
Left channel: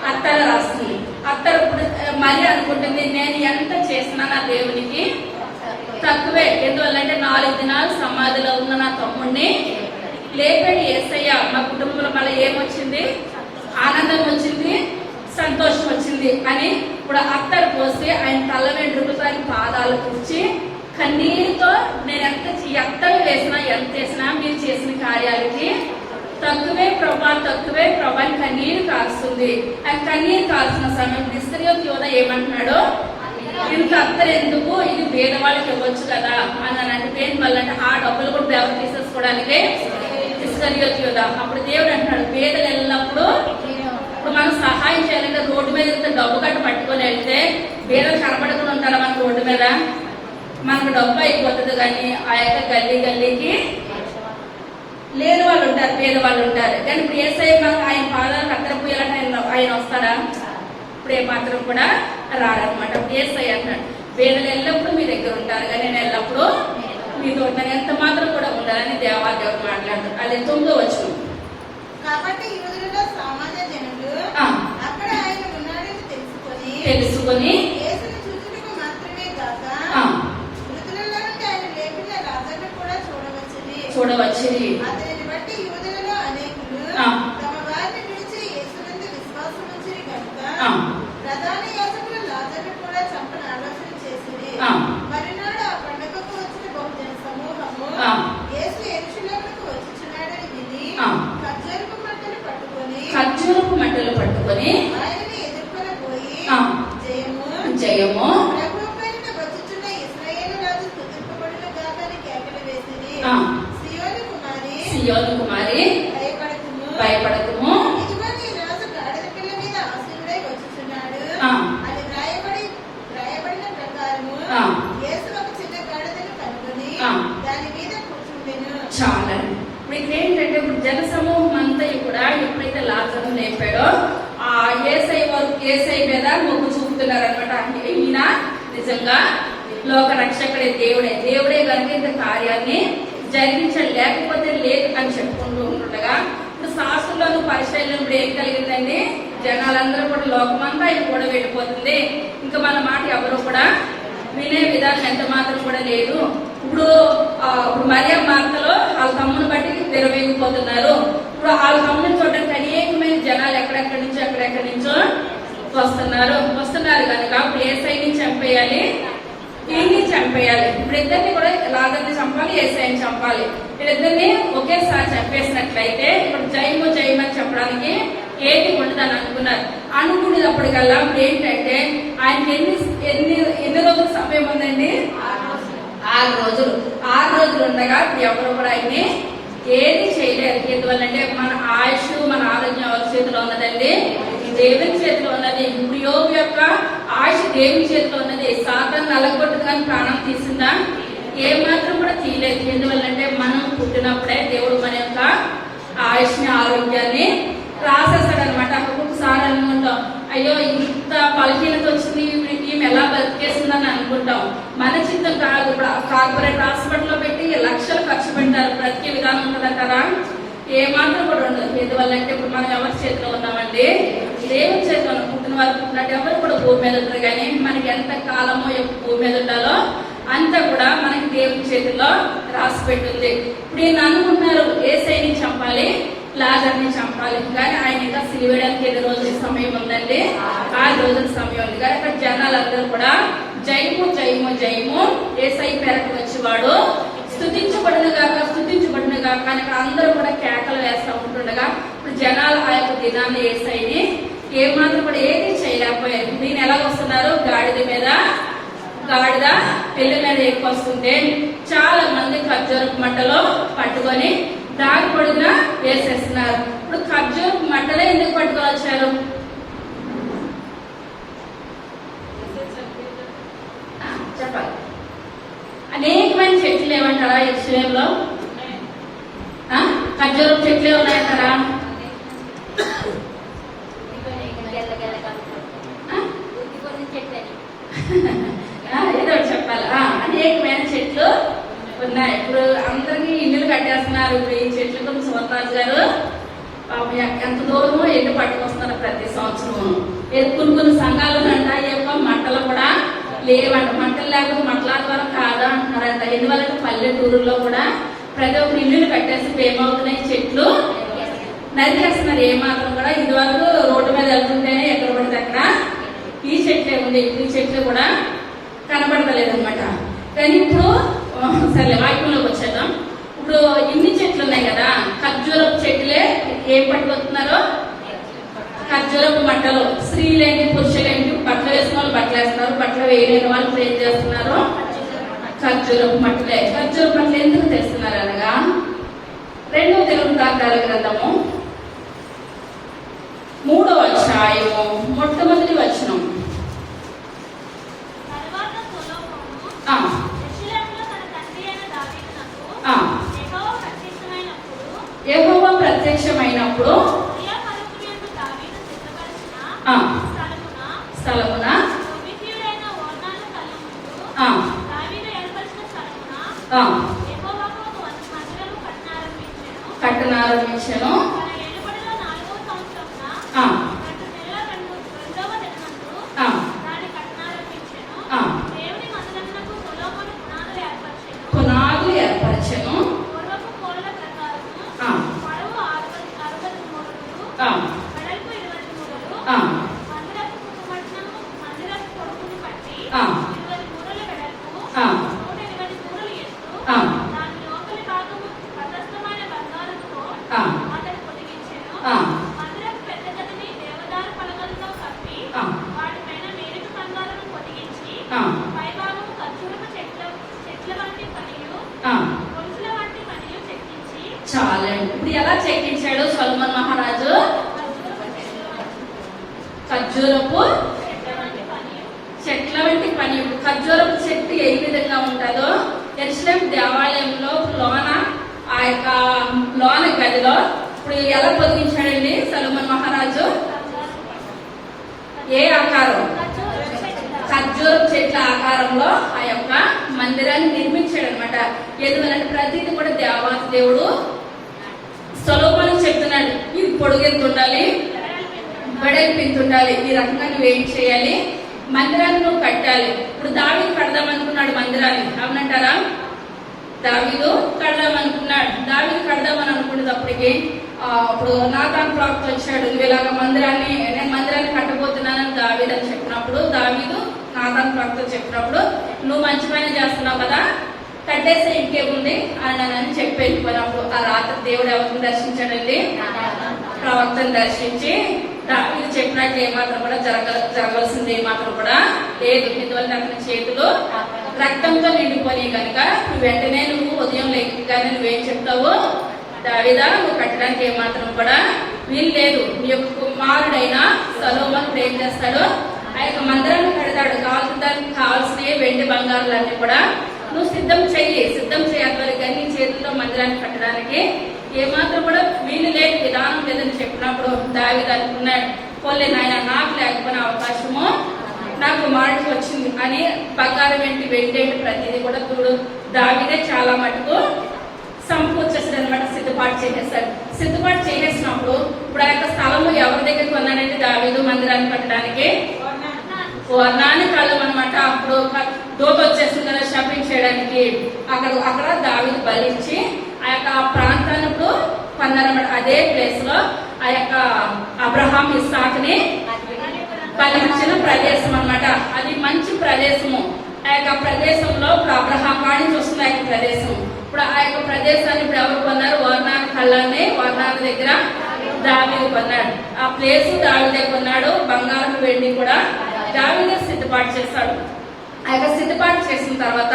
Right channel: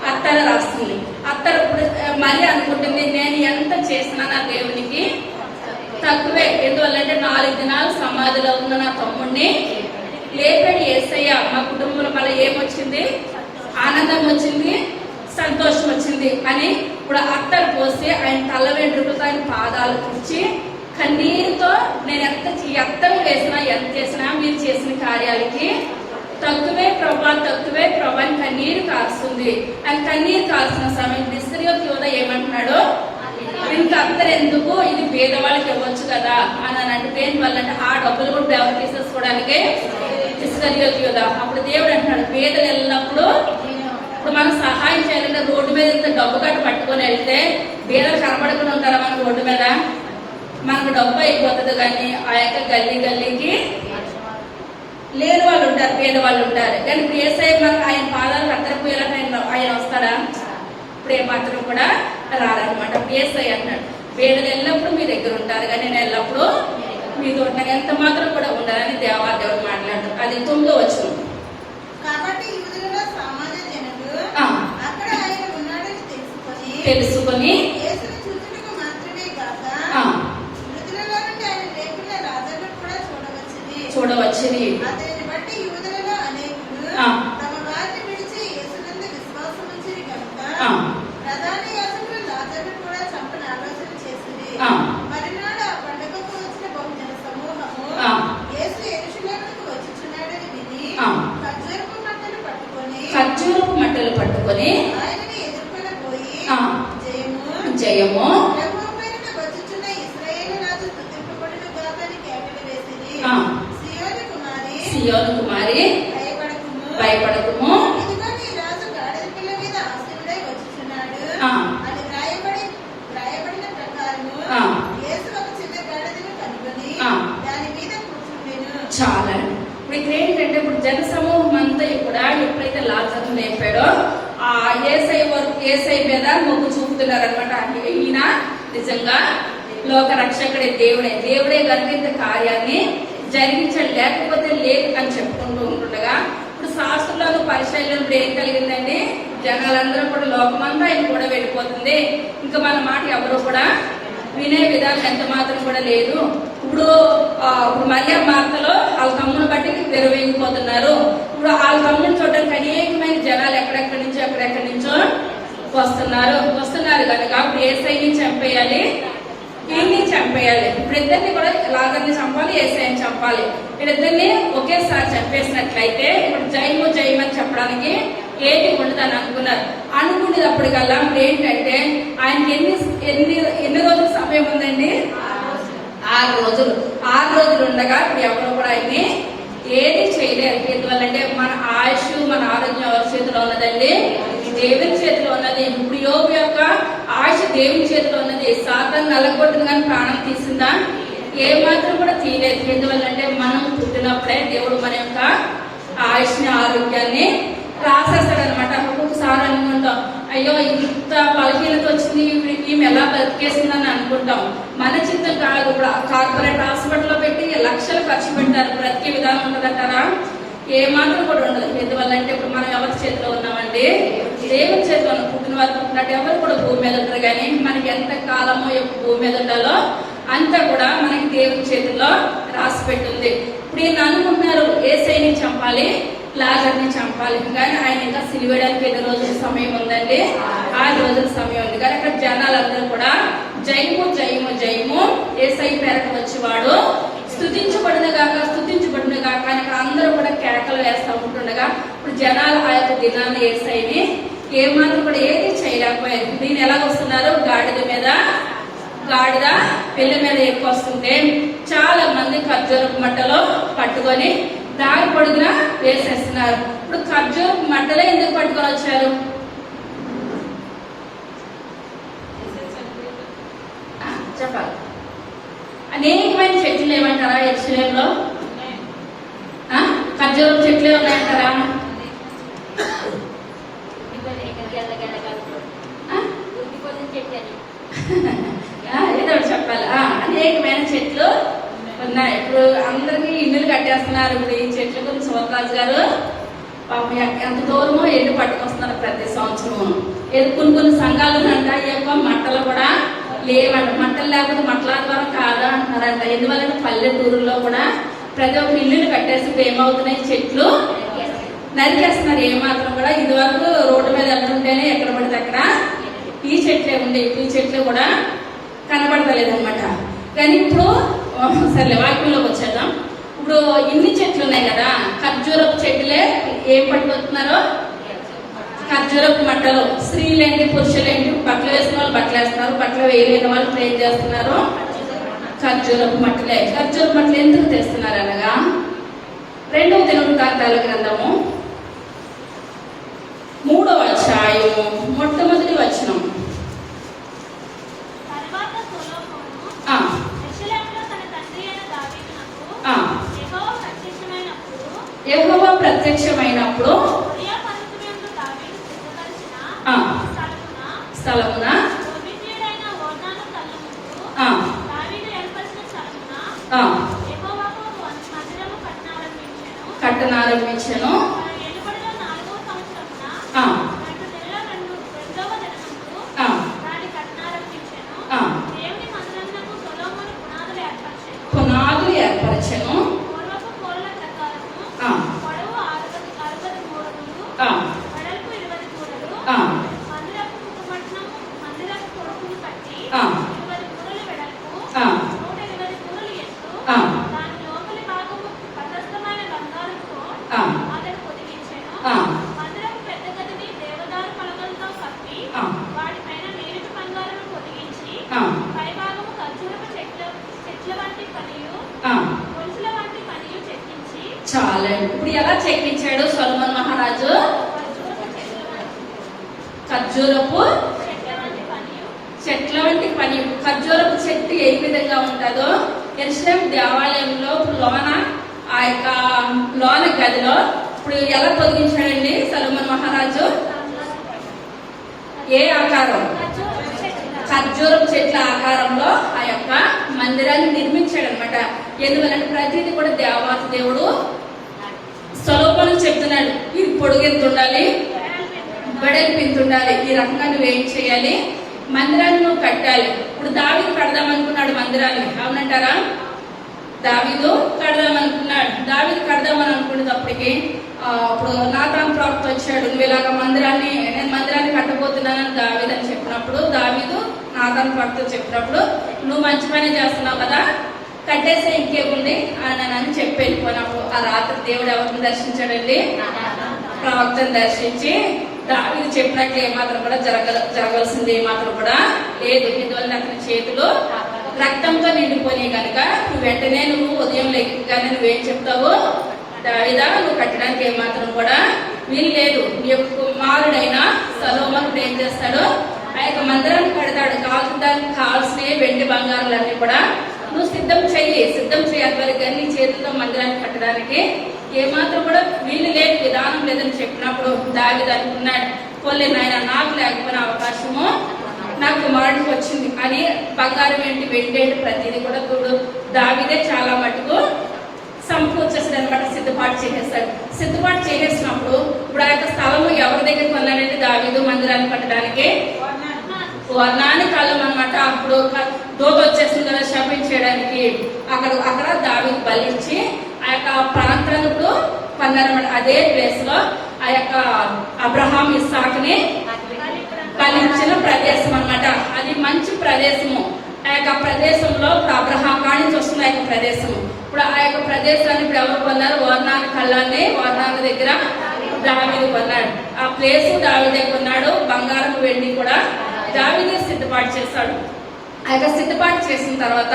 అత్తరు రాస్తుంది. అత్తరు ఇప్పుడు మరి అనుకుంటుంది, నేను ఎంత చేసినా నా దేవునికి తక్కువే. ఎందువల్లంటే 4 దినాలు సమాధిలో ఉన్న నా తమ్ముడిని లేపని యేసయ్య. మా కుటుంబంలో మళ్ళీ ఏమొచ్చింది? ఆనందం వచ్చింది, సంతోషం వచ్చింది అని ఇప్పుడు అత్తరు పోసి ఆయన తల వెంట్రుకలతో ఆయన పాదాలు తుడిచి కన్నీరుతో నేను అత్తరు వేసినా ఎంత చేసినా మీరు చేసిన కార్యాలకి తక్కువే ప్రభా అని కన్నీరు కాస్తుంది. ఆ కన్నీరు కాల్సిన సమయం ఇస్కరియోతు యూద ఏమంటున్నాడు? ఇంత అత్తరు ఎందుకు, ఇది పేదవాళ్ళకి ఇవ్వచ్చు కదా అని అంటే దేని వల్ల అంటే ఆ డబ్బులు కూడా దేవుడు తీసేసుకోవడానికి ఇస్కరియోతు యూద. అప్పుడు దేవుడు అంటున్నాడు, పేదలు వెళ్ళినప్పుడు ఇప్పుడు మనం సహాయం చేయాలంటే రోడ్డు మీద ఇంత డబ్బు కట్ట పట్టుకొని వెళ్తే పేదలు కనపడకుండా ఉంటారా మనకు రోడ్డు మీద? మనకు డబ్బు అయిపోతుంది, కానీ ఆ యొక్క గల్లీకి లేని వాళ్ళు ఉంటారు, పేదవాళ్ళు ఉంటారు. కానీ ఇప్పుడు యేసయ్య మనం ఆయన పాదాలు అత్తరపోయాలంటే ఆయన వస్తాడా? ఇప్పుడు ఏమాత్రం కూడా రారనమాట. ఇప్పుడు యేసయ్య అంటున్నాడు, పేదలు ఎల్లప్పుడూ మీ దగ్గర ఉంటారు, కానీ నేను ఎల్లప్పుడూ మీతో ఉంటాను, ఎంత మాత్రం కూడా ఉండాలని దేవుడు మాట్లాడతాడు. అది 9వ వచనం. కాబట్టి యూదులలో సామాన్య జనులు ఆ. అక్కడ ఆయన ఉన్నాడని తెలుసుకొని యేసును చూచుటకు మాత్రమే కాక ఆ, మృతులలో నుండి ఆయన లేపిన లాజరును కూడా చూడవచ్చుని. అతనిని బట్టి యూదులలో అనేకులు ఆ. తమ వారిని విడిచి యేసునందు విశ్వాసం ఉంచిరి కనుక ఆ. ప్రధాన యాజకులు లాజరును కూడా చంపని ఆలోచన చేసిరి. ఆ. మరునాడు ఆ పండుగకు వచ్చిన బహుజన సమూహము ఆ. యేసు యెరూషలేమునకు వచ్చుచున్నాడని విని ఆ. ఖర్జూరపు మట్టలు పట్టుకొని ఆయనని ఎదుర్కొనబోయి ఆ. జయము జయము ప్రభువు పేరిట వచ్చుచున్న ఇశ్రాయేలు రాజు స్తుతింపబడును గాక అని కేకలు వేసిరి. ఆ. సియోను కుమారి భయపడకుము ఇదిగో నీ రాజు గాడిద పిల్ల మీద ఆసీనుడై వచ్చుచున్నాడు ఆ. అని వ్రాయబడిన ప్రకారము ఆ. యేసు ఒక చిన్న గాడిదను కనుగొని ఆ. దాని మీద కూర్చుండెను. చాలా. ఇప్పుడు ఇక్కడ ఏంటంటే ఇప్పుడు జన సమూహం అంతా కూడా ఎప్పుడైతే లాజరు లేపాడో ఆ యేసయ్య మీద మొగ్గు చూపుతున్నారు అనమాట. ఈయన నిజంగా లోక రక్షకుడే, దేవుడే కనుక ఇంత కార్యాన్ని జరిగించండి, లేకపోతే లేదు అని చెప్పుకుంటూ ఉంటుండగా ఇప్పుడు శాస్త్రులను పరిశైలను ఇప్పుడు ఏం కలిగిందండి? జనాలందరూ కూడా లోకమంతా ఆయన కూడా వెళ్ళిపోతుంది, ఇంకా మన మాట ఎవరు కూడా వినే విధానం ఎంత మాత్రం కూడా లేదు. ఇప్పుడు మరియా మార్తలో వాళ్ళ తమ్ముని బట్టి విరవేగిపోతున్నారు. ఇప్పుడు వాళ్ళ తమ్ముని చూడడానికి అనేకమైన జనాలు ఎక్కడెక్కడి నుంచో వస్తున్నారు కనుక ఇప్పుడు యేసయ్యని చంపేయాలి, ఈయన్ని చంపేయాలి. ఇప్పుడు ఇద్దరిని కూడా లాజర్ని చంపాలి, యేసయ్యని చంపాలి. వీళ్ళిద్దరిని ఒకేసారి చంపేసినట్లయితే ఇప్పుడు జయమని చెప్పడానికి ఏది ఉండదని అనుకునేటప్పటికల్లా ఇప్పుడు ఏంటంటే ఆయనకి ఎన్ని రోజుల సమయం ఉందండి? 6 రోజులు. 6 రోజులు ఉండగా ఇప్పుడు ఎవరు కూడా ఆయన్ని ఏది చేయలేరు. ఎందువల్లంటే మన ఆయుష్, మన ఆరోగ్యం ఎవరి చేతిలో ఉన్నదండి? దేవుని చేతిలో ఉన్నది. ఇప్పుడు యోబు యొక్క ఆయుష్ దేవుని చేతిలో ఉన్నది. సాతాను నలగొట్టింది కానీ ప్రాణం తీసిందా? ఏ మాత్రం కూడా తీయలేదు. ఎందువల్లంటే మనం పుట్టినప్పుడే దేవుడు మన యొక్క ఆయుష్ని, ఆరోగ్యాన్ని రాసేస్తాడనమాట. ఒక్కొక్కసారి అనుకుంటాం, అయ్యో ఇంత బలహీనత వచ్చింది, ఈమె ఎలా బతికేసిందని అనుకుంటాం. మన చిత్తం కాదు. ఇప్పుడు కార్పొరేట్ హాస్పిటల్లో పెట్టి లక్షలు ఖర్చు పెడతారు. బ్రతికే విధానం ఉంటుందంటారా? ఏ మాత్రం కూడా ఉండదు. ఎందువల్లంటే ఇప్పుడు మనం ఎవరి చేతిలో ఉన్నామండి? దేవుని చేతిలో ఉన్నాం. పుట్టిన వారు పుట్టినట్టు ఎవరు కూడా భూమి మీద ఉంటారు, కానీ మనకి ఎంత కాలమో భూమి మీద ఉండాలో అంతా కూడా మనకి దేవుని చేతుల్లో రాసి పెట్టింది. ఇప్పుడు ఈయన అనుకుంటున్నారు యేసయ్యని చంపాలి, లాజర్ని చంపాలి, కానీ ఆయన ఇంకా సిలివేయడానికి ఎన్ని రోజుల సమయం ఉందండి? 6 రోజుల సమయం ఉంది. కానీ అక్కడ జనాలందరూ కూడా జయము జయము జయము యేసయ్య పేరట వచ్చేవాడు స్తుతించబడిన గాక అని అక్కడ అందరూ కూడా కేకలు వేస్తూ ఉంటుండగా ఇప్పుడు జనాలు ఆ యొక్క దినాన్ని యేసయ్యని ఏమాత్రం కూడా ఏది చేయలేకపోయారు. దీన్ని ఎలా వస్తున్నారు? గాడిద పెళ్లి మీద ఎక్కువస్తుంటే చాలా మంది ఖర్జూరపు మట్టలో పట్టుకొని దారి పొడుగునా వేసేస్తున్నారు. ఇప్పుడు ఖర్జూరపు మట్టలో ఎందుకు పట్టుకొని వచ్చారు? చెప్పాలి. అనేకమైన చెట్లు ఏమంటారా యెరూషలేములో? ఖర్జూరపు చెట్లే ఉన్నాయంటారా? ఏదో ఒకటి చెప్పాలి. అనేకమైన చెట్లు ఉన్నాయి. ఇప్పుడు అందరికి ఇల్లులు కట్టేస్తున్నారు. ఇప్పుడు ఈ చెట్లు కొన్ని శివరాజు గారు ఎంత దూరమో ఎల్లు పట్టుకొస్తున్నారు ప్రతి సంవత్సరం. కొన్ని సంఘాలు అంట ఈ యొక్క మట్టలు కూడా లేవంట. మట్టలు లేకపోతే మట్టల ద్వారా కాదా అంటున్నారంట. ఎందువల్ల పల్లెటూరులో కూడా ప్రతి ఒక్క ఇల్లులు కట్టేసి ఏమవుతున్నాయి? చెట్లు నరికేస్తున్నారు. ఏమాత్రం కూడా ఇదివరకు రోడ్డు మీద వెళ్తుంటేనే ఎక్కడ పడితే అక్కడ ఈ చెట్లే ఉంది. ఈ చెట్లు కూడా కనబడతలేదన్నమాట. కానీ ఇప్పుడు సరే వాక్యంలోకి వచ్చేద్దాం. ఇప్పుడు ఇన్ని చెట్లు ఉన్నాయి కదా, ఖర్జూరపు చెట్లే ఏం పట్టుకొస్తున్నారు? ఖర్జూరపు మట్టలు. స్త్రీలేంటి పురుషులేంటి, బట్టలు వేసిన వాళ్ళు బట్టలు వేస్తున్నారు, బట్టలు వేయలేని వాళ్ళు ప్రేమ చేస్తున్నారు. ఖర్జూరపు మట్టలే. ఖర్జూరపు మట్టలు ఎందుకు తెస్తున్నారు అనగా 2వ దినవృత్తాంతాల గ్రంథము 3వ అధ్యాయము మొట్టమొదటి వచనం. యెహోవా ప్రత్యక్షమైనప్పుడు స్థలమున కట్టనారంభించెను. పునాదులు ఏర్పరచెను. చాలా. ఇప్పుడు ఎలా చెక్కించాడు సొలొమోను మహారాజు? ఖర్జూరపు చెట్ల వంటి పని. ఖర్జూరపు చెట్టు ఏ విధంగా ఉంటుందో యెరూషలేము దేవాలయంలో ఆ యొక్క లోన గదిలో ఇప్పుడు ఎలా పొదిగించాడండి సొలొమోను మహారాజు? ఏ ఆకారం? ఖర్జూరపు చెట్ల ఆకారంలో ఆ యొక్క మందిరాన్ని నిర్మించాడు అనమాట. ఎందువల్లంటే ప్రతిదీ కూడా దేవాది దేవుడు సొలొమోనుకు చెప్తున్నాడు, ఇది పొడుగు ఎంత ఉండాలి, వెడల్పు ఎంత ఉండాలి, ఈ రకంగా నువ్వేం చేయాలి, మందిరాన్ని నువ్వు కట్టాలి. ఇప్పుడు దావీదు కడదామనుకున్నాడు మందిరాన్ని, అవునంటారా? దావీదు కడదామనుకున్నాడు. దావీదు కడదామని అనుకునేటప్పటికి అప్పుడు నాతాను ప్రవక్త వచ్చాడు, నువ్వు ఇలాగ నేను మందిరాన్ని కట్టబోతున్నానని దావీదు అని చెప్పినప్పుడు, దావీదు నాతాను ప్రవక్త చెప్పినప్పుడు, నువ్వు మంచి పని చేస్తున్నావు కదా, కట్టేస్తే ఇంకేముంది అని చెప్పి వెళ్ళిపోయినప్పుడు ఆ రాత్రి దేవుడు ఎవరిని దర్శించాడండి? ప్రవక్తను దర్శించి దావీదు చెప్పినట్లు ఏమాత్రం కూడా జరగాల్సింది ఏమాత్రం కూడా లేదు. ఎందువల్ల అతని చేతులు రక్తంతో నిండిపోయి కనుక వెంటనే నువ్వు ఉదయం లేకగానే నువ్వేం చెప్తావు? దావీదా, నువ్వు కట్టడానికి ఏమాత్రం కూడా వీలు లేదు. నీ యొక్క కుమారుడైన సొలొమోను ఏం చేస్తాడు? ఆ యొక్క మందిరాన్ని కడతాడు. దానికి కావాల్సిన వెండి బంగారులన్నీ కూడా నువ్వు సిద్ధం చెయ్యి అట్లకి నీ చేతులతో మందిరాన్ని కట్టడానికి ఏమాత్రం కూడా వీలు లేదు, విధానం లేదని చెప్పినప్పుడు దావీదు అనుకున్నాడు, పోలే నాయన, నాకు లేకపోయిన అవకాశము నా కుమారుడికి వచ్చింది అని బంగారం ఏంటి వెండి ఏంటి ప్రతిదీ కూడా దావీదే చాలా మటుకు సమకూర్చేస్తాడు అనమాట. సిద్ధపాటు చేసేసినప్పుడు ఇప్పుడు ఆ యొక్క స్థలము ఎవరి దగ్గర కొన్నాడంటే దావీదు మందిరాన్ని కట్టడానికి వర్ణాని కాలం అనమాట. అప్పుడు దోత వచ్చేస్తుంది కదా శపించడానికి. అక్కడ దావీదు బలిచ్చి ఆ యొక్క ప్రాంతాన్ని ఇప్పుడు కొన్నారన్నమాట. అదే ప్లేస్ లో ఆ యొక్క అబ్రహాం ఇస్సాకుని బలించిన ప్రదేశం అన్నమాట. అది మంచి ప్రదేశము. ఆ యొక్క ప్రదేశంలో ఇప్పుడు అబ్రహాం కాడి నుంచి వస్తుంది ఆ యొక్క ప్రదేశం. ఇప్పుడు ఆ యొక్క ప్రదేశాన్ని ఇప్పుడు ఎవరు కొన్నారు? వర్ణాన్ని కళ్ళాన్ని వర్ణాన్ని దగ్గర దావీదు కొన్నాడు. ఆ ప్లేస్ దావీదే కొన్నాడు. బంగారం వెండి కూడా దావీదే సిద్ధపాటు చేశాడు. ఆ యొక్క సిద్ధపాటు చేసిన తర్వాత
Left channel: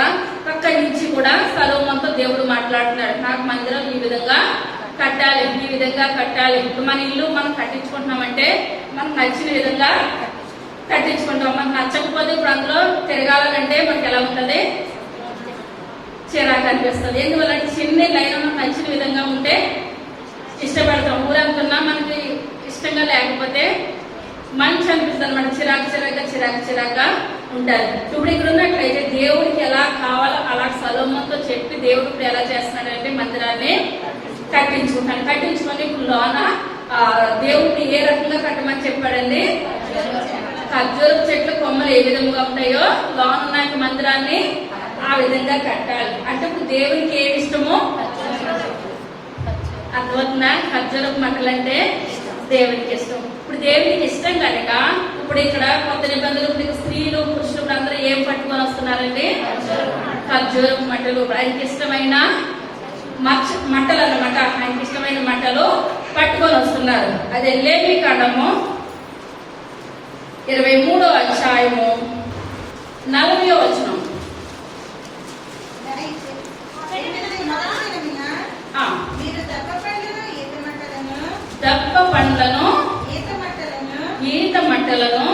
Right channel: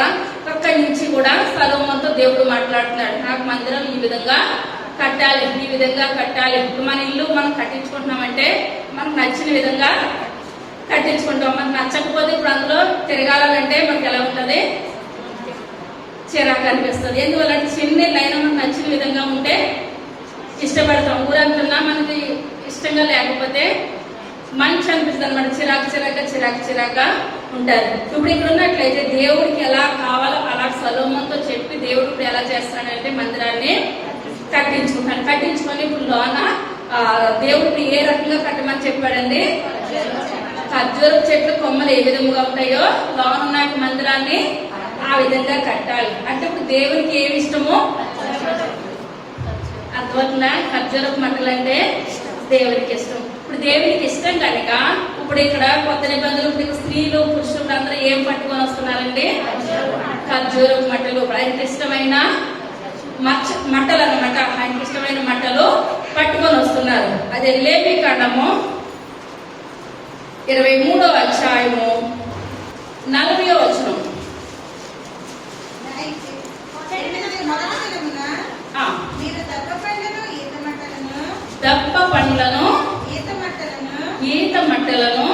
అక్కడి నుంచి కూడా సొలొమోనుతో దేవుడు మాట్లాడుతున్నాడు. నాకు మందిరం ఈ విధంగా కట్టాలి, ఈ విధంగా కట్టాలి. ఇప్పుడు మన ఇల్లు మనం కట్టించుకుంటున్నామంటే మనకు నచ్చిన విధంగా కట్టించుకుంటాం. మనకు నచ్చకపోతే ఇప్పుడు అందులో తిరగాలంటే మనకి ఎలా ఉంటుంది? చిరాకు అనిపిస్తుంది. ఎందువల్లంటే చిన్న లైన్ మనకు నచ్చిన విధంగా ఉంటే ఇష్టపడతాం. ఊరంతున్నా మనకి ఇష్టంగా లేకపోతే మంచి అనిపిస్తుంది అనమాట. చిరాక ఉంటారు. ఇప్పుడు ఇక్కడ ఉన్నట్లయితే దేవుడికి ఎలా కావాలో అలా సొలొమోనుతో చెప్పి దేవుడు ఇప్పుడు ఎలా చేస్తున్నాడంటే మందిరాన్ని కట్టించుకొని ఇప్పుడు లోన దేవుడిని ఏ రకంగా కట్టమని చెప్పాడండి? ఖర్జూరపు చెట్లు కొమ్మలు ఏ విధంగా ఉంటాయో లోన ఉన్న మందిరాన్ని ఆ విధంగా కట్టాలి. అంటే ఇప్పుడు దేవునికి ఏమి ఇష్టమో అర్థమవుతుందా? ఖర్జూరపు మంటలు అంటే దేవుడికి ఇష్టం. ఇప్పుడు దేవునికి ఇష్టం కనుక ఇప్పుడు ఇక్కడ కొత్త నిబంధనలు ఇప్పుడు స్త్రీలు పురుషులు అందరూ ఏం పట్టుకొని వస్తున్నారండి? ఖర్జూరపు మంటలు. ఆయనకి ఇష్టమైన మంటలు అన్నమాట. ఆయనకి ఇష్టమైన మంటలు పట్టుకొని వస్తున్నారు. అదే లేవి కాండము 23వ అధ్యాయము 40వ వచనం. మీరు దప్ప పండ్లను ఈత మట్టలను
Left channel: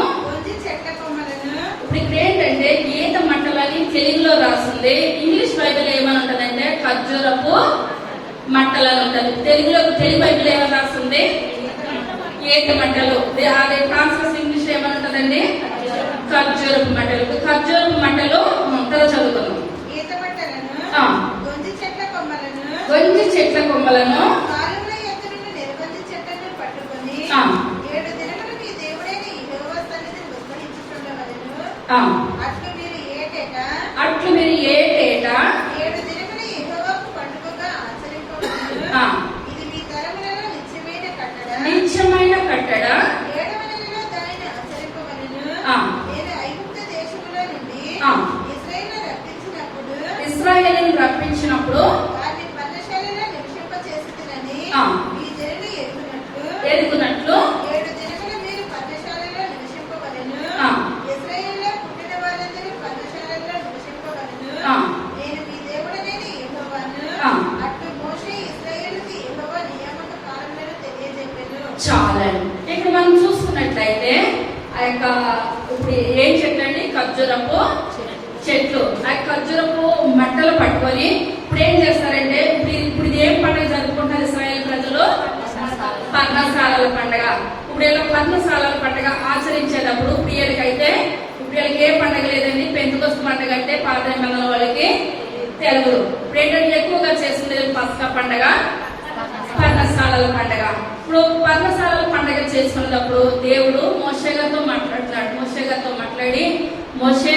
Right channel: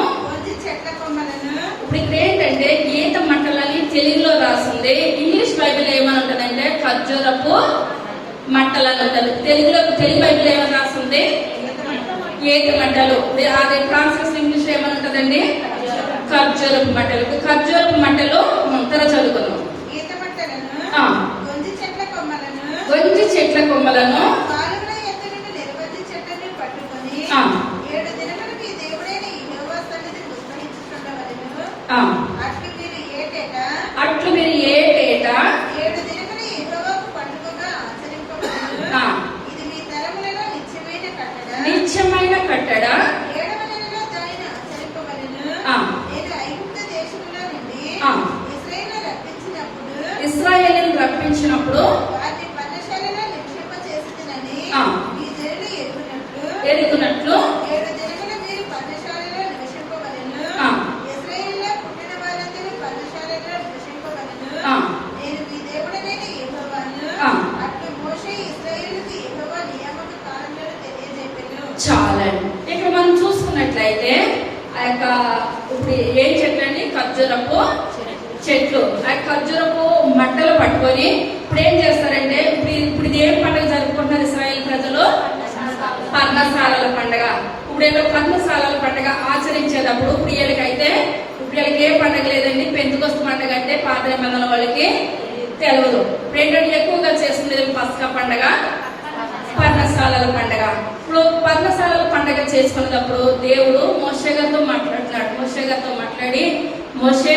ఇప్పుడు ఇక్కడ ఏంటంటే ఈత మట్టలని తెలుగులో రాస్తుంది. ఇంగ్లీష్ బైబిల్ ఏమని ఉంటదంటే ఖర్జూరపు మట్టలని ఉంటుంది. తెలుగు బైబిల్ ఏమని రాస్తుంది? ఈత మట్టలు. అదే ట్రాన్స్లేషన్ ఇంగ్లీష్ ఏమని ఉంటదండి? ఖర్జూరపు మట్టలు. ఖర్జూరపు మట్టలు ముంతర చదువుకున్నాం. గొంజి చెట్ల కొమ్మలను అట్లు మీరు ఏటేటా 7 దినములు యెహోవాకు పండుగగా ఆచరింపవలెను. ఇది మీ తరములలో నిత్యమైన కట్టడ. 7వ నెలలో దానిని ఆచరింపవలెను. నేను ఐగుప్తు దేశములో నుండి ఇశ్రాయేలును రప్పించినప్పుడు వారిని పర్ణశాలలో నివసింపచేసితినని ఈ జనులు ఎరుగునట్లు 7 దినములు మీరు పర్ణశాలలో నివసింపవలెను. ఇశ్రాయేలులో పుట్టిన వారందరూ పర్ణశాలలో నివసింపవలెను. నేను మీ దేవుడనైన యెహోవాను. అట్లు మోషే ఇశ్రాయేలుకి యెహోవా నియామక కాలములను తెలియజెప్పెను. చాలండి. ఇక్కడ మనం చూసుకున్నట్లయితే ఆ యొక్క ఇప్పుడు ఏం చెట్లు అండి? ఖర్జూరపు చెట్లు. ఆ ఖర్జూరపు మట్టలు పట్టుకొని ఇప్పుడు ఏం చేస్తారంటే ఇప్పుడు ఇది ఏం పండుగ జరుపుకుంటున్నారు ఇశ్రాయేల్ ప్రజలు? పర్ణశాలల పండుగ. ఇప్పుడు ఇలా పర్ణశాలల పండుగ ఆచరించేటప్పుడు ఇప్పుడు వీళ్ళకి ఏ పండుగ లేదండి. పెంతుకొస్తు పండుగ అంటే పాత నిబంధనల వాళ్ళకి తెలియదు. ఇప్పుడు ఏంటంటే ఎక్కువగా చేస్తుంది పస్కా పండుగ, పర్ణశాలల పండుగ. ఇప్పుడు పర్ణశాలల పండుగ చేసుకున్నప్పుడు దేవుడు మోషే గారితో మాట్లాడుతున్నాడు. మోషే గారితో మాట్లాడి మోషే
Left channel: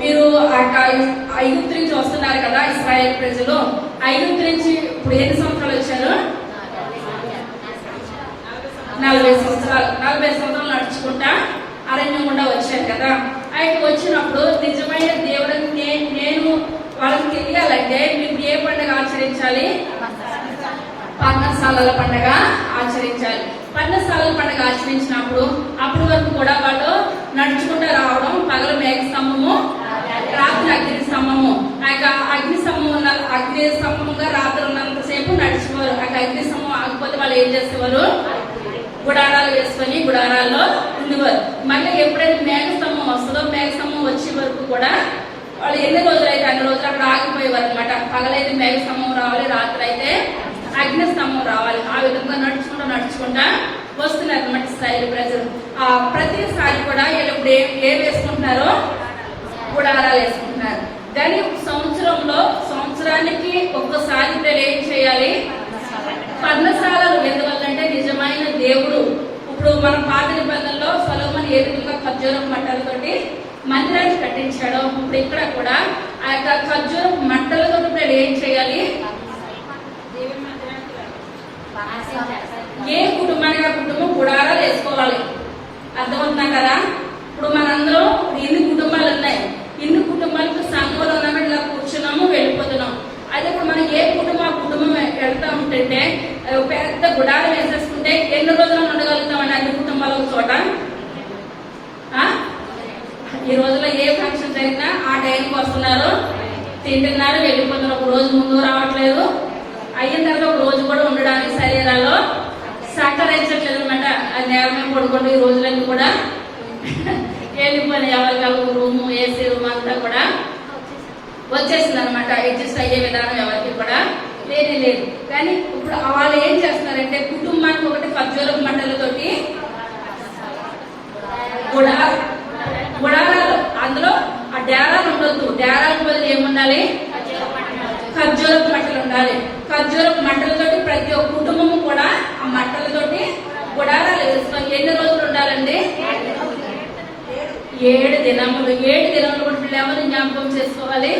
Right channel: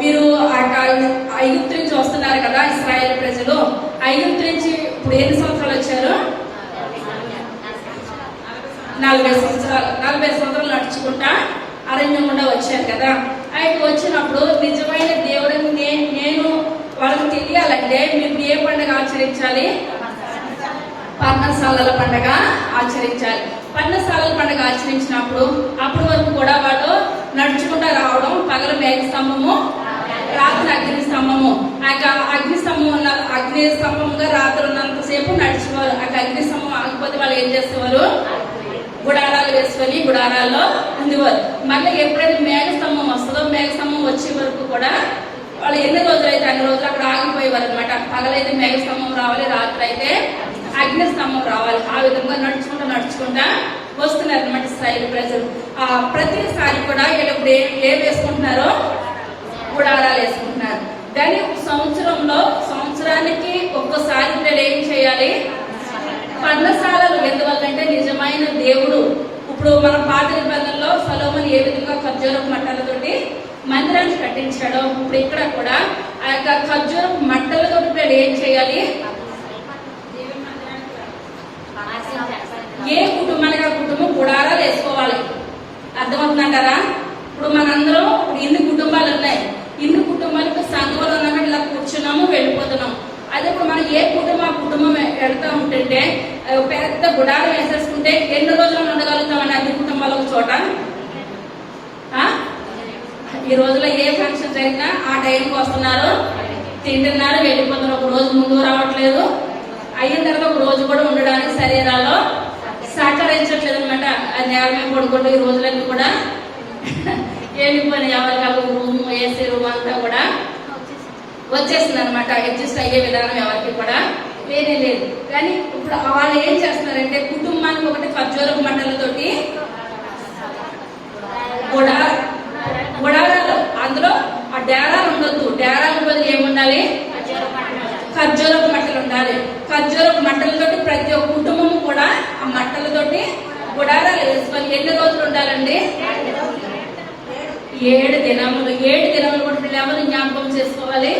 మీరు ఐగుప్తు నుంచి వస్తున్నారు కదా ఇశ్రాయేల్ ప్రజలు. ఐగుప్తు నుంచి ఇప్పుడు ఎన్ని సంవత్సరాలు వచ్చారు? 40 సంవత్సరాలు. 40 సంవత్సరాలు నడుచుకుంటా అరణ్యం గుండా వచ్చారు కదా. ఆయన వచ్చినప్పుడు నిజమైన దేవుడిని నేను వాళ్ళకి తెలియాలంటే మీరు ఏ పండుగ ఆచరించాలి? పర్ణశాలల పండుగ ఆచరించాలి. పర్ణశాలల పండుగ ఆచరించినప్పుడు అప్పటి వరకు కూడా వాళ్ళు నడుచుకుంటా రావడం. పగల మేఘ స్తంభము, రాత్రి అగ్ని స్తంభము. అగ్ని స్తంభంగా రాత్రి ఉన్నంతసేపు నడిచేవారు. అగ్ని స్తంభం ఆగిపోతే వాళ్ళు ఏం చేసేవారు? గుడారాలు వేసుకొని గుడారాల్లో ఉండేవారు. మళ్ళీ ఎప్పుడైతే మేఘ స్తంభం వస్తుందో మేఘ స్తంభం వచ్చే వరకు కూడా వాళ్ళు ఎన్ని రోజులైతే అన్ని రోజులు అక్కడ ఆగిపోయేవారు అనమాట. పగలైతే మేఘ స్తంభం రావాలి, రాత్రి అయితే అగ్ని స్తంభం రావాలి. ఆ విధంగా నడుచుకుంటా వస్తున్నారు అనమాట ఇశ్రాయేలు ప్రజలు. ప్రతిసారి కూడా వీళ్ళు ఇప్పుడు ఏం వేసుకుంటున్నారో గుడారాలు వేసుకుంటున్నారు. కానీ సంవత్సరానికి ఒక్కసారి వీళ్ళు ఏం చేయాలి? పర్ణశాలలు. ఎందువల్లంటే నిజమైన దేవుడు ఇప్పుడు మన పాత నిబంధనలో సొలొమోను ఏ విధంగా ఖర్జూరపు మట్టలతోటి మందిరాన్ని కట్టించాడో ఇప్పుడు ఇక్కడ కూడా ఆ యొక్క ఖర్జూరపు ఏం చేయాలి? ఏ కుటుంబానికి ఆ కుటుంబం గుడారాలు వేసుకోవాలి. అర్థమవుతున్నాం కదా? ఇప్పుడు మనందరం ఇన్ని కుటుంబాలు ఉన్నాయి. ఇన్ని కుటుంబాలకు సంఘంలో ఉన్నామని ఇలా కూర్చున్నాము, వెళ్ళిపోతున్నాము. అదే ఇప్పుడు మనం ఏ కుటుంబం వెళ్తా ఉంటుంటే పెద్ద గుడారం వేసేసుకుంటే ఎన్ని రోజులను ఉండగలుగుతామండి అన్ని కుటుంబాలు ఒక చోట? ఈ రోజుల్లో ఏ ఫంక్షన్ జరిగినా ఆ టైంకి వస్తున్నారు, తింటున్నారు, వెళ్ళిపోతున్నారు. ఒక రోజు ముందు రావట్లేదు, అయిన తర్వాత ఒక రోజు కూడా ఉండడానికి శరీరాల్లో సహకరించట్లేదు అనమాట. ఆ నేరమే పడుకుంటూ ఈ రోజులన్నీ కూడా వెళ్ళిపోయిన ఎవరికి రూమ్, ఏసీ రూమ్ అంతా కూడా వచ్చేస్తుంది అనమాట. అడ్జస్ట్ అయ్యే విధానం ఎవరికి కూడా లేనే లేదు. కానీ ఇప్పుడు వాళ్ళు ఏం చేస్తున్నారంటే కుటుంబానికి ఒకటి ఖర్జూరపు మంటలతోటి గుడారాలు, అందులో ఆ డేరాలు ఉండొద్దు. డేరాలకు బదులు ఏముండాలి? ఖర్జూరపు మంటలు ఉండాలి. ఖర్జూరపు మంటలతోటి ప్రతి ఒక్క కుటుంబము కూడా ఆ మంటలతోటి గుడారాలు వేసుకోవాలి. ఎన్ని రోజులు ఉండాలండి? 7 దినములు. 7 దినములు కూడా వీళ్ళు ఎవరు జ్ఞాపకం చేసుకోవాలి?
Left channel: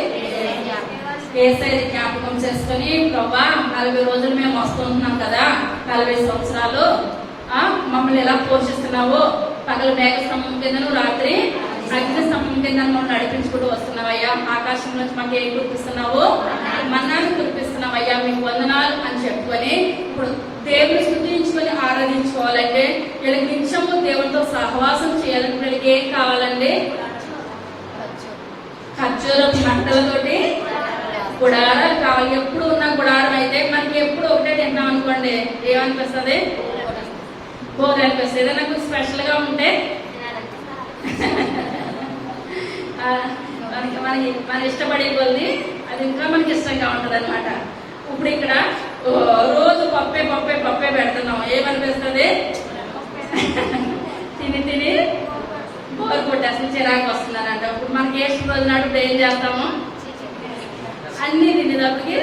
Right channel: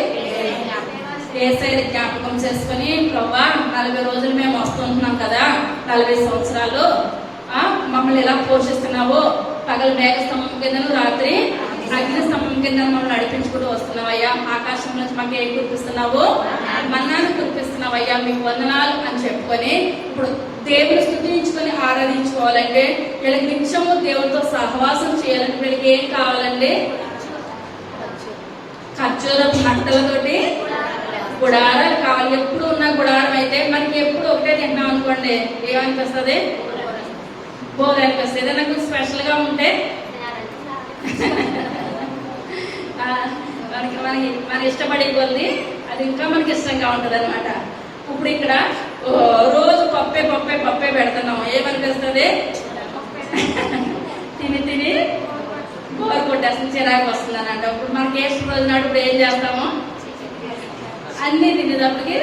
యేసయ్యని జ్ఞాపకం చేసుకుని, ప్రభా 40 రోజులు మేము వస్తుంటున్నాం కదా, 40 సంవత్సరాలు మమ్మల్ని ఎలా పోషిస్తున్నావు? పగల మేఘ స్తంభం కిందను, రాత్రి అగ్ని స్తంభం కింద మమ్మల్ని నడిపించుకుంటూ వస్తున్నావయ్యా. ఆకాశం నుంచి మాకు ఏం కురిపిస్తున్నావు? మన్నాను కురిపిస్తున్నావయ్యా, మీకు వందనాలు అని చెప్పుకొని ఇప్పుడు దేవుని స్తుతించుకొని ఆరాధించుకోవాలంటే వీళ్ళకి నిత్యము దేవునితో సహవాసం చేయాలంటే వీళ్ళకి ఏం కావాలండి? ఖర్జూరపు మంటలతోటి గుడారాలు కావాలి. ఎప్పుడు ఉన్న గుడారం అయితే మనకి ఎప్పుడు ఒకటే తింటున్నాం అనుకోండి, ఏమనిపిస్తుంది? బోర్ అనిపిస్తుంది. ఏదైనా కొంచెం స్పెషల్ గా ఉంటే మనకి మన ఇష్టపడే కొద్ది అది ఇంకా మనకి ఇష్టంగా ఉంటది అనమాట. ఇప్పుడు ఇక్కడ రోజు పప్పే పెడుతున్నాం, ఏమనిపిస్తుంది? తిని బోర్ కొట్టేస్తుంది, చిరాకు వస్తుందనంట. ఇప్పుడు మనకి ఏ రోజు నాడు ఇప్పుడు ఏం చేస్తాము? అన్ని తినేటప్పటికి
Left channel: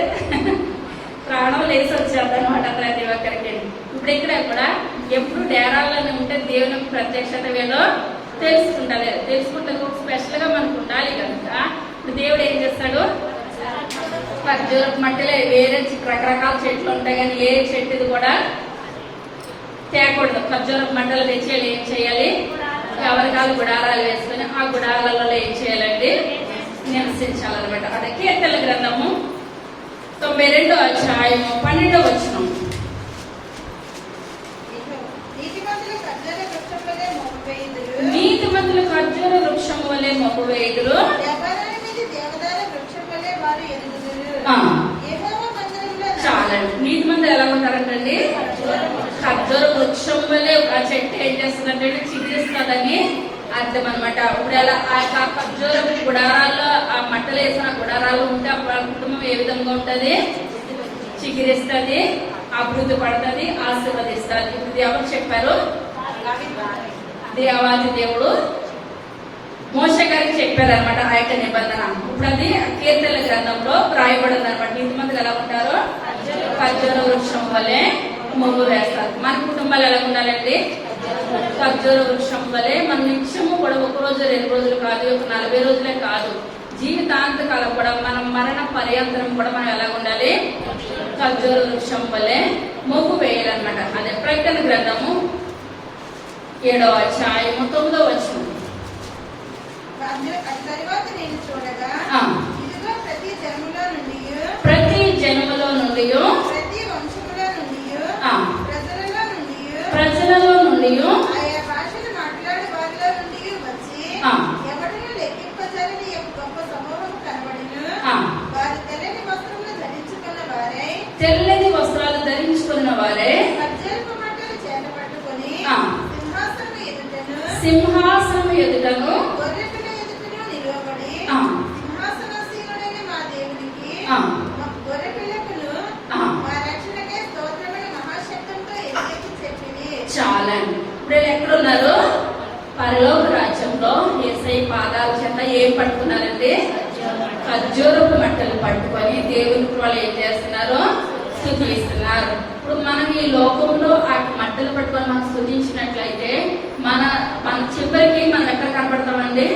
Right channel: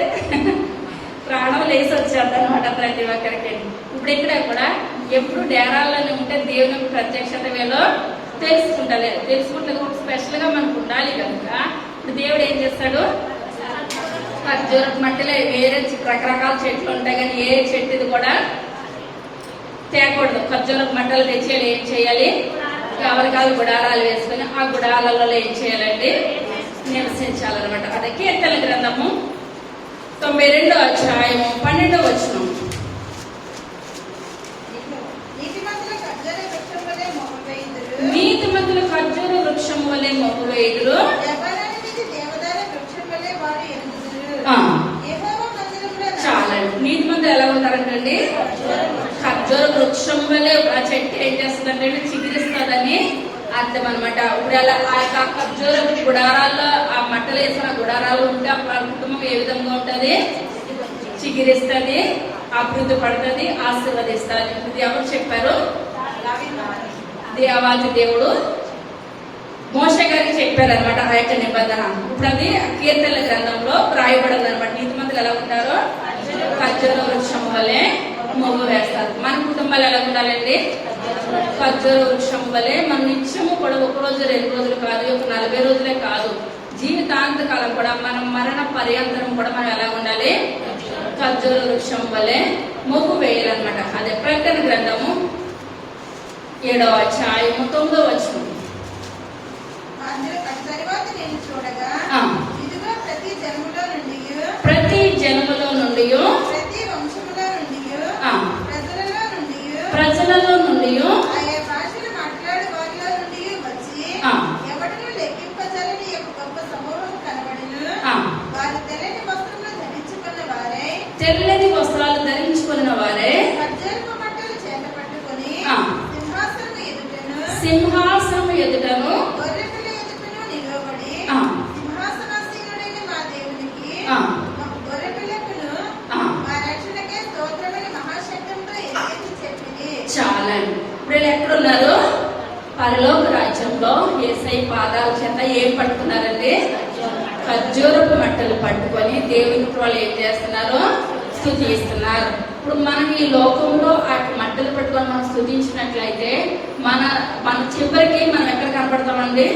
ప్రాణం లేసి వచ్చేది అనమాట ప్రతి ఒక్కరికి. ఇప్పుడు ఇక్కడ కూడా ఎప్పుడు డేరాల్లోనే ఉంటే దేవుని ప్రత్యక్షత వేలో తెలుసుకుంటే కూడా స్పెషల్ గా మనకు ఉండాలి కనుక ఇప్పుడు దేవుడు ఏం చేస్తాడు? ఖర్జూరపు మట్టిలో వేరే రకరకాల చెట్లు ఉంటాయి, కానీ ఏ చెట్టుది కూడా తేకూడదు. ఖర్జూరపు మట్టలు తెచ్చేయాలి. ఏం చేయాలి? ఎవరికాలు గుడారాలు వేసుకుని ఆ గుడారాలలో ఏం చేయాలండి? నివసించాలన్నమాట. అదే కీర్తనల గ్రంథము 92వ అధ్యాయము 12వ వచనం. నీతిమంతుల ఖర్జూర వృక్షం వలె మోపవేయుదురు, చాలండి. నీతిమంతులు ఎలా ఉంటారంటండి? ఖర్జూర వృక్షం వలె. ఆ చెట్టు ఏం చేస్తుందంటే చిగురిస్తుందని అర్థం అనమాట. ఇప్పుడు అలా ఆ యొక్క ఖర్జూర గుడారాల్లో ఆ మట్టలు వేసిన గుడారాలు ఉంటే ఆ కుటుంబం ఏ విధంగా ఉంటది? చిగురిస్తుంది, అభివృద్ధి పడుతుంది, ఆశీర్వదిస్తుంది. ఇప్పుడు ఎవరు చెప్పారు? దేవాది దేవుడు మోషే గారికి చెప్పారు అనమాట ఆ యొక్క నిబంధన. ఇప్పుడు అది కీర్తనల గ్రంథంలో రాయబడింది అనమాట. నీతిమంతులు ఎలా ఉంటారో ఖర్జూర వృక్షం వల్లే మొగ్గు వేస్తారు. మన కుటుంబాలు ఎలా ఉండాలండి? ఖర్జూర వృక్షం వల్లే మనం నిత్యము కూడా 1 రోజు 2 రోజులు కాదు, 40 రోజులే కాదు, జీవితాంత కాలం కూడా మనం మరణ పర్యంతరం కూడా మనం ఎలా ఉండాలి? ఖర్జూర వృక్షం వల్లే మొగ్గు వేయాలన్నమాట. అదే ప్రకటన గ్రంథము 7వ అధ్యాయము 9వ వచనం. ప్రతి జన్మలో నుండి ప్రజలలో నుండి తెల్లని వస్త్రాలు ధరించుకున్న వారే సింహాసనం ఎదుటను చాలండి. ఇప్పుడు ఎక్కడున్నారు? పరలోక రాజ్యంలో యేసయ్య పాదాల చేత ఏం పట్టుకున్నారండి? ఖర్జూరపు మట్టలు పట్టుకొని దేవుని వాళ్ళు ఏం చేస్తున్నారు? స్తుతిస్తున్నారు. ఇప్పుడు మనం ఈ లోకంలో ఆ మట్టలు పట్టుకొని మనం స్తుతించినట్లయితే మన చివరికి మనం ఎక్కడ కనపడతామండి?